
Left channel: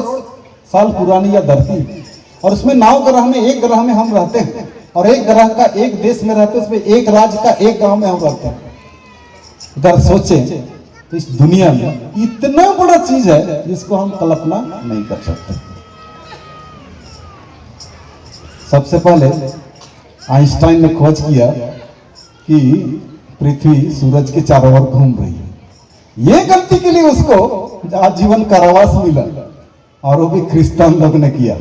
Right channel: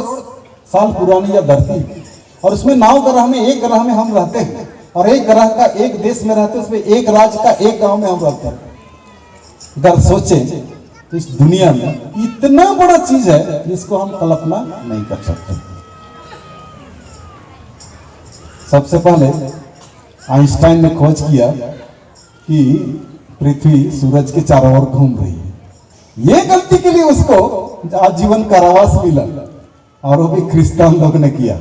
साल पुरानी यह धरती, और उसमें 9 ग्रह में एक ग्रह में हम रहते हैं, और एक ग्रह का एक देश में रहते हैं, उसमें एक राज्य का एक गांव में हम रहते हैं। अगर सोचे तो इस दुनिया में इतना बड़ा चीज है जिसको हम कल्पना नहीं कर सकते। सबसे पहले आइंस्टाइन ने खोज किया कि पृथ्वी सूरज के चारों ओर घूम रही है। ये गलती के लिए उसको आजीवन कारावास मिला, और वो भी क्रिश्चियन लोग ने किया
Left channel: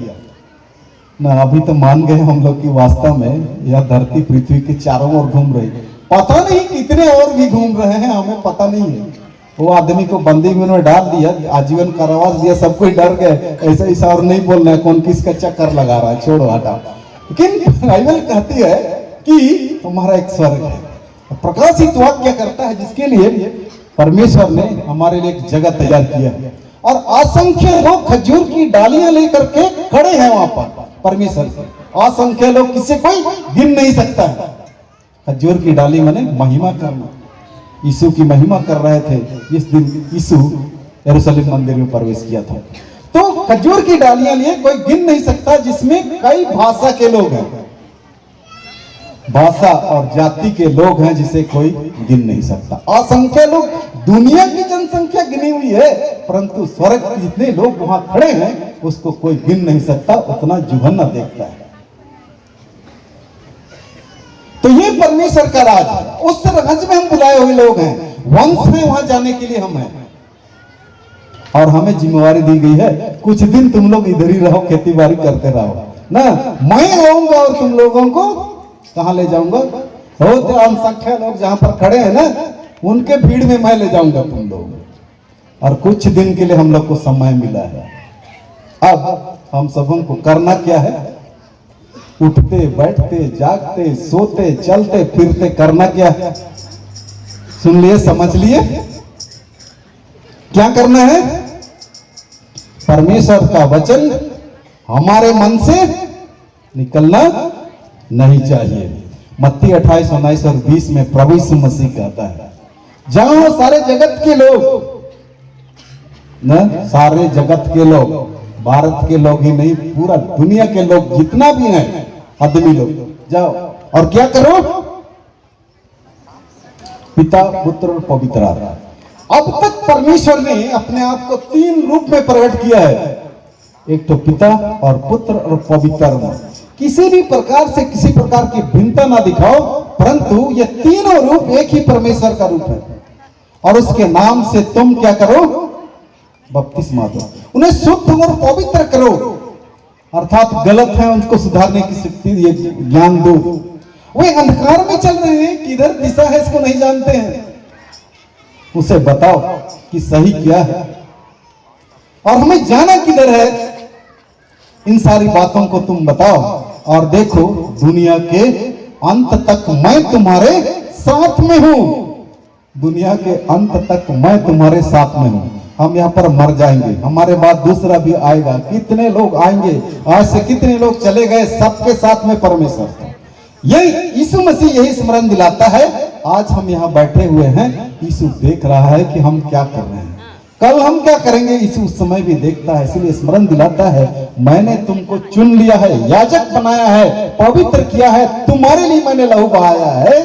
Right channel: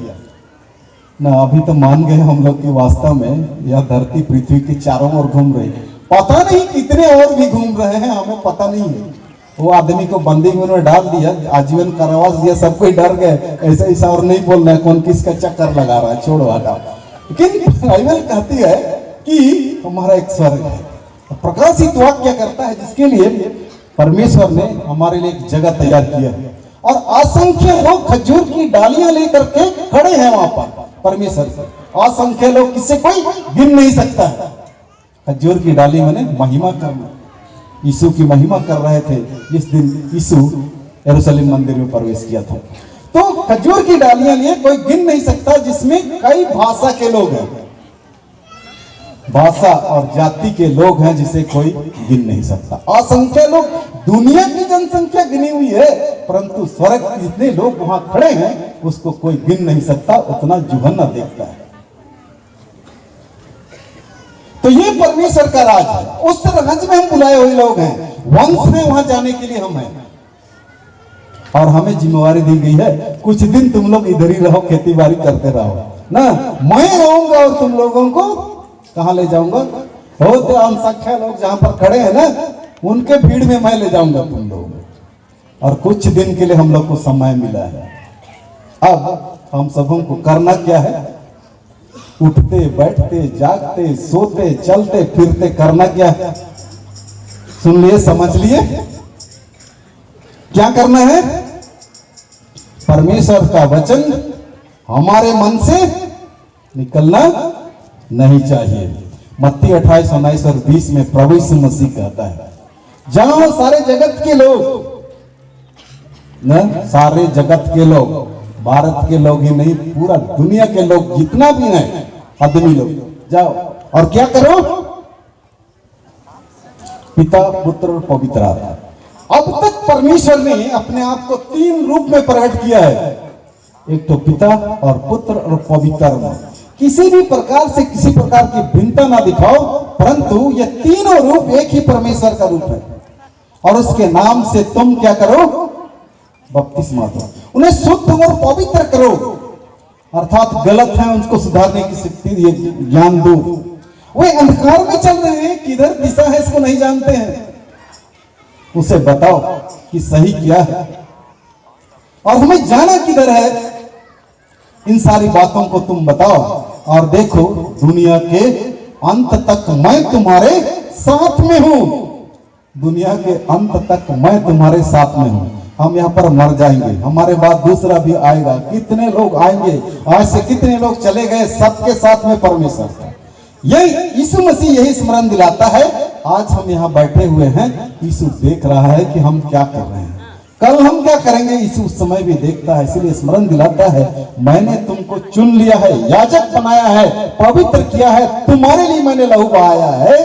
ना। अभी तो मान गए हम लोग कि वास्तव में यह धरती पृथ्वी के चारों ओर घूम रही है। पता नहीं कितने और भी घूम रहे हैं, हमें पता नहीं है। वो आदमी को बंदी में उन्होंने डाल दिया, आजीवन कारावास दिया, सब कोई डर गए। ऐसा ऐसा और नहीं बोल रहे कौन किसका चक्कर लगा रहा है, छोड़ो हटाओ। लेकिन बाइबल कहती है कि हमारा एक स्वर्ग है, प्रकाशित वाक्य करता है जिसके लिए परमेश्वर ने हमारे लिए एक जगह तैयार किया है, और असंख्य लोग खजूर की डालियां लेकर के खड़े हैं वहां पर परमेश्वर से। असंख्य लोग, किससे कोई गिन नहीं सकता है। खजूर की डाली माने महिमा करना, यीशु की महिमा कर रहे थे जिस दिन यीशु यरूशलेम मंदिर में प्रवेश किया था। तो खजूर की डालियां लिए कोई गिन नहीं सकता, जिसमें कई भाषा के लोग हैं, भाषा और जाति के लोग हैं जिसे कोई गिन नहीं सकता। असंख्य लोग, दुनिया की जनसंख्या गिनी हुई है, परंतु स्वर्ग जितने लोग वहां खड़े हैं उसको कोई गिन नहीं सकता, उतना जुगन्ना देखता है। तो ये परमेश्वर का राज है। उस राज में हम बुलाए हुए लोग हैं, वंश में वहां जाने के लिए हम हैं, और हमें जिम्मेवारी दी गई है कुछ दिन तुम लोग इधर ही रहो, खेती बाड़ी करते रहो ना। मैं रहूंगा और तुम लोगों को कहां ले जाऊंगा? बहुत अनसंख्य लोग जहां पर खड़े हैं ना, उनके भीड़ में मैं ले जाऊंगा तुम लोग। और कुछ दिन के लिए हम लोग को समय मिला है। अब हम सबों को करना क्या है? उठते बैठते जागते सोते चलते फिरते करना क्या है? सुन लिए, समझ लिए, क्या करना है? परमेश्वर का वचन हमारे मन से निकलना नहीं चाहिए। मत्ती 28:19 और 20 में प्रभु यीशु मसीह कहता है, जहां सारे जगत के लोग न, सारे जगत के लोग, भारत के लोग ही नहीं, पूरा दुनिया के लोग जितना भी है आदमी लोग, जाओ और क्या करो? पिता पुत्र और पवित्र आत्मा। अब तक परमेश्वर ने अपने आप को 3 रूप में प्रकट किया है, एक तो पिता और पुत्र और पवित्र आत्मा। किसी भी प्रकार से किसी प्रकार की भिन्नता ना दिखाओ, परंतु ये तीनों रूप एक ही परमेश्वर का रूप है, और उसके नाम से तुम क्या करो? बपतिस्मा दो, उन्हें शुद्ध और पवित्र करो, अर्थात गलत है उनको सुधारने की शक्ति, ये ज्ञान दो। वे अंधकार में चल रहे हैं, किधर दिशा है इसको नहीं जानते हैं, उसे बताओ कि सही क्या है और हमें जाना किधर है। इन सारी बातों को तुम बताओ, और देखो दुनिया के अंत तक मैं तुम्हारे साथ में हूं। दुनिया के अंत तक मैं तुम्हारे साथ में हूं। हम यहाँ पर मर जाएंगे, हमारे बाद दूसरा भी आएगा, कितने लोग आएंगे, आज से कितने लोग चले गए, सबके साथ में परमेश्वर है। यही यीशु मसीह यही स्मरण दिलाता है। आज हम यहाँ बैठे हुए हैं, यीशु देख रहा है कि हम क्या कर रहे हैं, कल हम क्या करेंगे, यीशु उस समय भी देखता है, इसलिए स्मरण दिलाता है, मैंने तुमको चुन लिया है, याजक बनाया है, पवित्र किया है, तुम्हारे लिए मैंने लहू बहाया है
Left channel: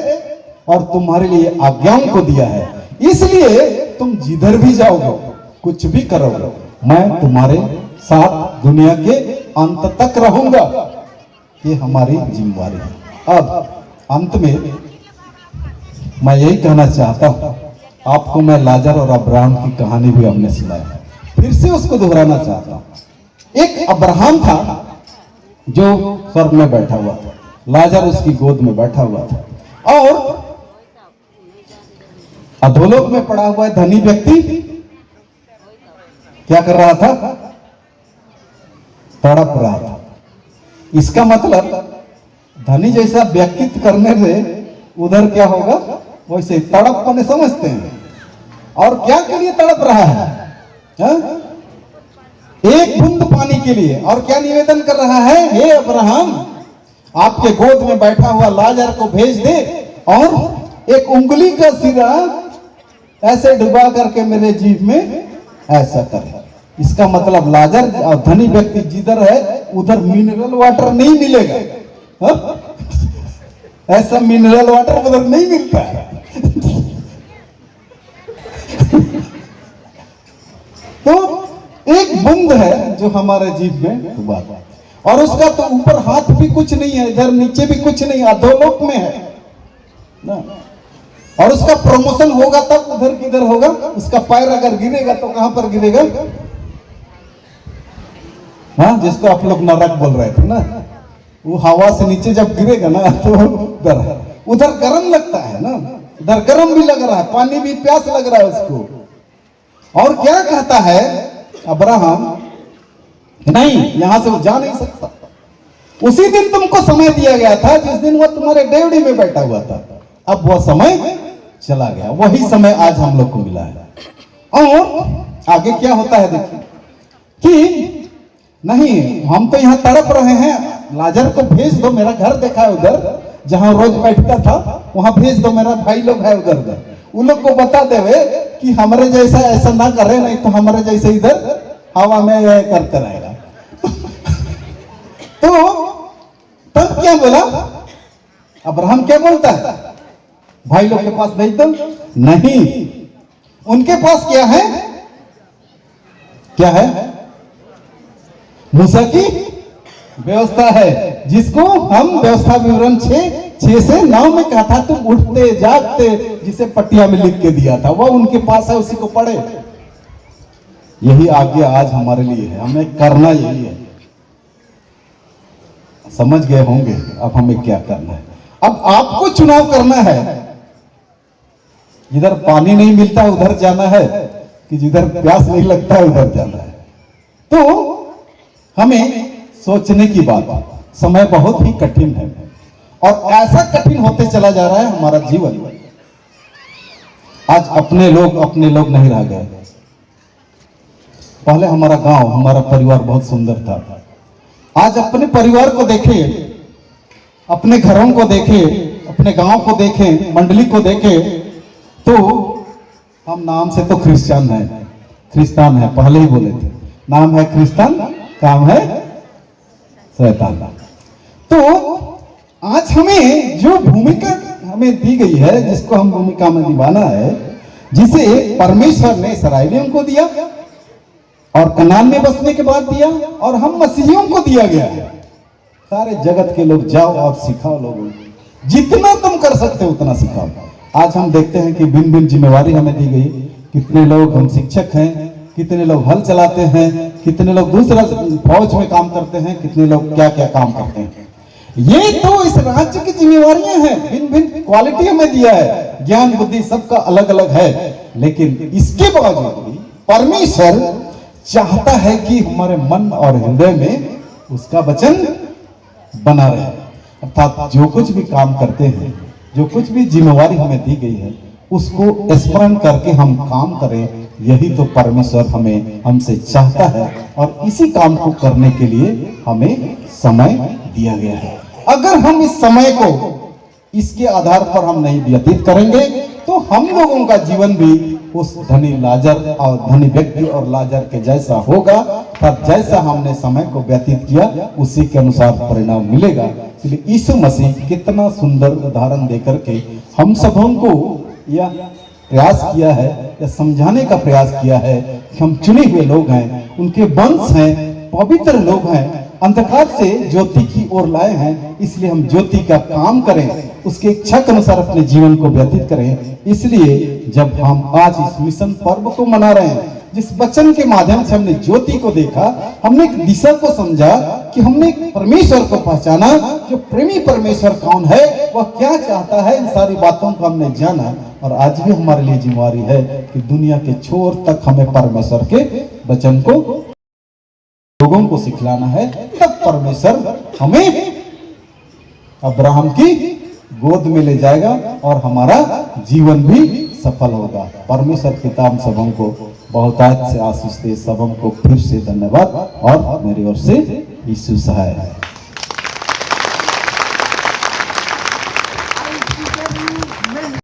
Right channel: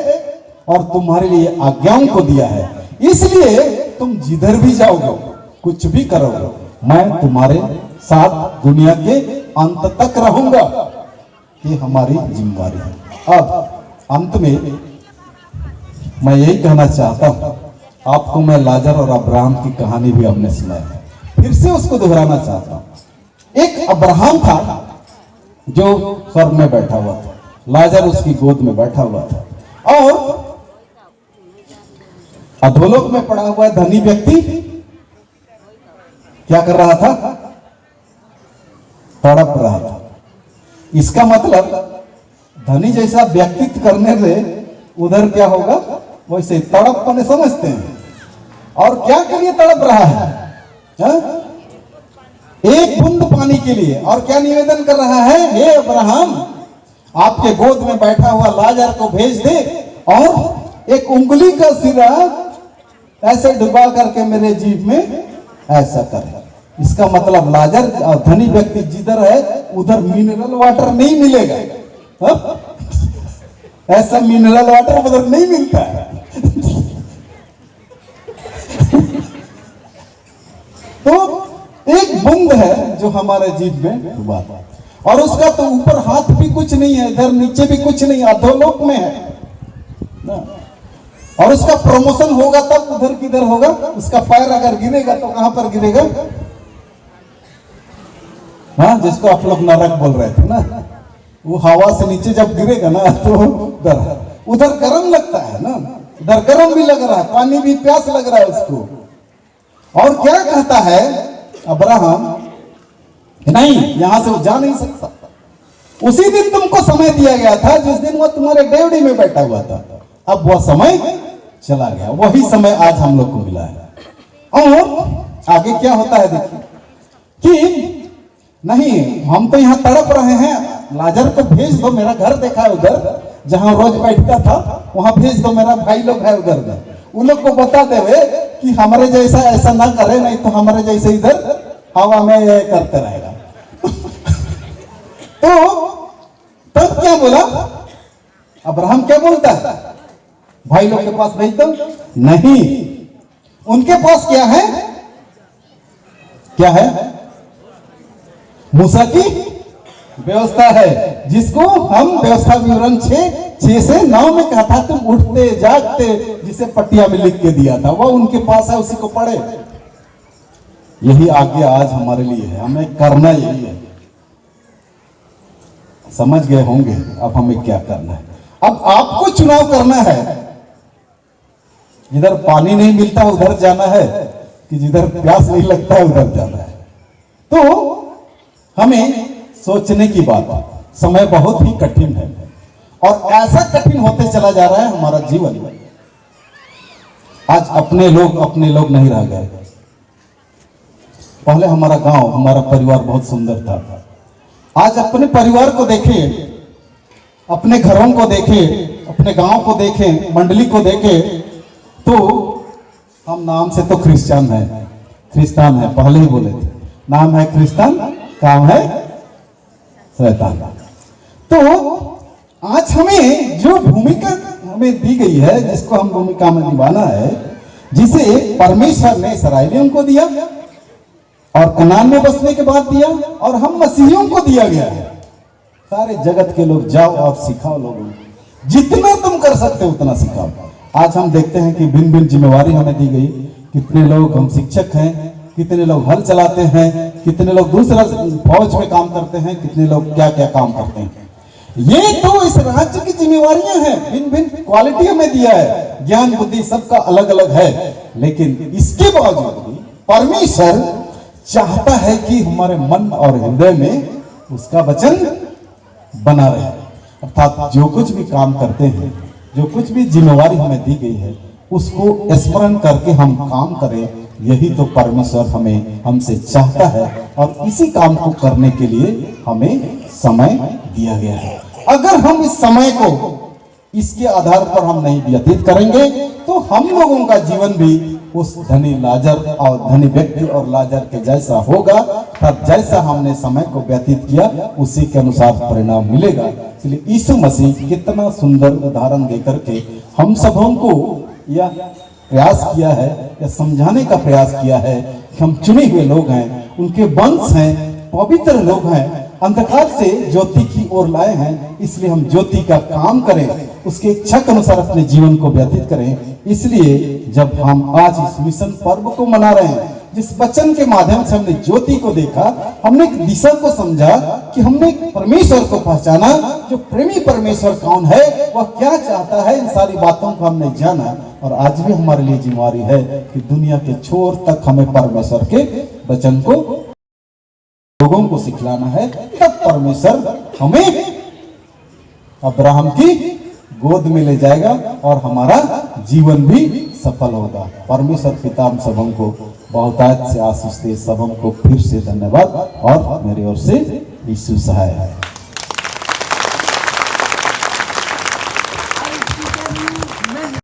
और तुम्हारे लिए आज्ञाओं को दिया है, इसलिए तुम जिधर भी जाओगे, कुछ भी करोगे, मैं तुम्हारे साथ दुनिया के अंत तक रहूंगा। ये हमारी जिम्मेदारी है। अब अंत में मैं यही कहना चाहता हूं, आपको मैं लाजर और अब्राहम की कहानी भी हमने सुनाई, फिर से उसको दोहराना चाहता हूं। एक अब्राहम था जो स्वर्ग में बैठा हुआ था, लाजर उसकी गोद में बैठा हुआ था, और अधोलोक में पड़ा हुआ धनी व्यक्ति क्या कर रहा था? तड़प रहा था। इसका मतलब धनी जैसा व्यक्तित्व करने से उधर क्या होगा, वैसे तड़पने समझते हैं। और क्या के लिए तड़प रहा है? एक बूंद पानी के लिए। और क्या निवेदन कर रहा है, हे अब्राहम आपके गोद में बैठा हुआ लाजर को भेज दे और एक उंगली का सिरा ऐसे डुबा करके मेरे जीभ में ऐसा कर। इसका मतलब लाजर और धनी व्यक्ति जिधर है उधर मिनरल वाटर नहीं मिलेगा। ऐसा मिनरल वाटर उधर नहीं मिलता है। तो एक बूंद है जो हमारे जीभ में डूबा, और उसका तो ऊपर हाथ भी कुछ नहीं है, इधर नीचे भी कुछ नहीं, अधोलोक में है ना। और उसका प्रमोशन होगा तब उधर किधर होगा, उसका पैर अगर गिरेगा तो कहां पर गिरेगा, हाँ जिसको आप लोग नरक बोल रहे थे ना, वो हवा से नीचे जब गिरेगा ना तो उधर गर्म लगता है ना, इधर गर्म भी लग रहा है, पानी भी प्यास लग रहा है उसको। और क्या कहता है अब्राहम, नहीं यहां से वो जा नहीं सकता। उसी दिन तुमको समय दिया गया था जिस दिन वो तुम्हारे डेवड़ी में बैठा हुआ था, अब वह समय चला गया, वही समय आज हम लोग को मिला है। और आगे क्या होता है देखिए कि नहीं हम तो यहाँ तड़प रहे हैं, लाजर को भेज दो, मेरा घर देखा है उधर जहां रोज बैठता था, वहां भेज दो, मेरा भाई लोग है उधर, उन लोग को बता देवे कि हमारे जैसा ऐसा ना करे, नहीं तो हमारे जैसे इधर हवा में करते रहेगा। तो तब क्या बोला अब्राहम, क्या बोलता है, भाई लोग के पास भेज दो, नहीं उनके पास क्या है, क्या है, मूसा की व्यवस्था है, जिसको हम व्यवस्था विवरण 6 से 9 में कहा था, तुम उठते जागते जिसे पट्टिया में लिख के दिया था, वह उनके पास है, उसी को पढ़े। यही आज्ञा आज हमारे लिए है, हमें करना यही है। समझ गए होंगे अब हमें क्या करना है। अब आपको चुनाव करना है, जिधर पानी नहीं मिलता उधर जाना है कि जिधर प्यास नहीं लगता उधर जाना है। तो हमें सोचने की बात है, समय बहुत ही कठिन है और ऐसा कठिन होते चला जा रहा है हमारा जीवन। आज अपने लोग नहीं रह गए। पहले हमारा गांव, हमारा परिवार बहुत सुंदर था। आज अपने परिवार को देखें, अपने घरों को देखें, अपने गांव को देखें, मंडली को देखें, तो हम नाम से तो क्रिश्चियन है, पहले ही बोले थे, नाम है क्रिश्चियन, काम है शैतान। तो आज हमें जो भूमिका हमें दी गई है, जिसको हम भूमिका में निभाना है, जिसे परमेश्वर ने इस्राएलियों को दिया और कनान में बसने के बाद दिया, और हम मसीहियों को दिया गया है। सारे जगत के लोग जाओ और सिखाओ लोगों, जितना तुम कर सकते हो उतना सिखाओ। आज हम देखते हैं कि भिन्न भिन्न जिम्मेवारी हमें दी गई। कितने लोग हम शिक्षक हैं, कितने लोग हल चलाते हैं, कितने लोग दूसरा फौज में काम करते हैं, कितने लोग क्या क्या काम करते हैं। ये तो इस राज्य की जिम्मेवारियां हैं, भिन्न भिन्न क्वालिटी हमें दिया है, ज्ञान बुद्धि सबका अलग अलग है। लेकिन इसके बावजूद भी परमेश्वर चाहता है कि हमारे मन और हृदय में उसका वचन बना रहे। अर्थात जो कुछ भी काम करते हैं, जो कुछ भी जिम्मेवारी हमें दी गई है, उसको स्मरण करके हम काम करें। यही तो परमेश्वर हमसे चाहता है, और इसी काम को करने के लिए हमें समय दिया गया है। अगर हम इस समय को इसके आधार पर हम नहीं व्यतीत करेंगे, तो हम लोगों का जीवन भी उस धनी लाजर और धनी व्यक्ति और लाजर के जैसा होगा। तब जैसा हमने समय को व्यतीत किया, उसी के अनुसार परिणाम मिलेगा। इसलिए यीशु मसीह कितना सुंदर उदाहरण देकर के हम सबों को यह प्रयास किया है, या समझाने का प्रयास किया है कि हम चुने हुए लोग हैं, उनके वंश हैं, पवित्र लोग हैं, अंधकार से ज्योति की ओर लाए हैं। इसलिए हम ज्योति का काम करें, उसकी इच्छा के अनुसार अपने जीवन को व्यतीत करें। इसलिए जब हम आज इस मिशन पर्व को मना रहे हैं, जिस वचन के माध्यम से हमने ज्योति को देखा, हमने एक दिशा को समझा, कि हमने एक परमेश्वर को पहचाना, जो प्रेमी परमेश्वर कौन है, वह क्या चाहता है, इन सारी बातों को हमने जाना। और आज भी हमारे लिए जिम्मेवारी है कि दुनिया के छोर तक हमें परमेश्वर के वचन को लोगों को सिखलाना है। तब परमेश्वर हमें अब्राहम की गोद में ले जाएगा और हमारा जीवन भी सफल होगा। परमेश्वर पिता हम सबों को बहुतायत से आशीष दे। सबों को फिर से धन्यवाद और मेरी ओर से यीशु सहाय।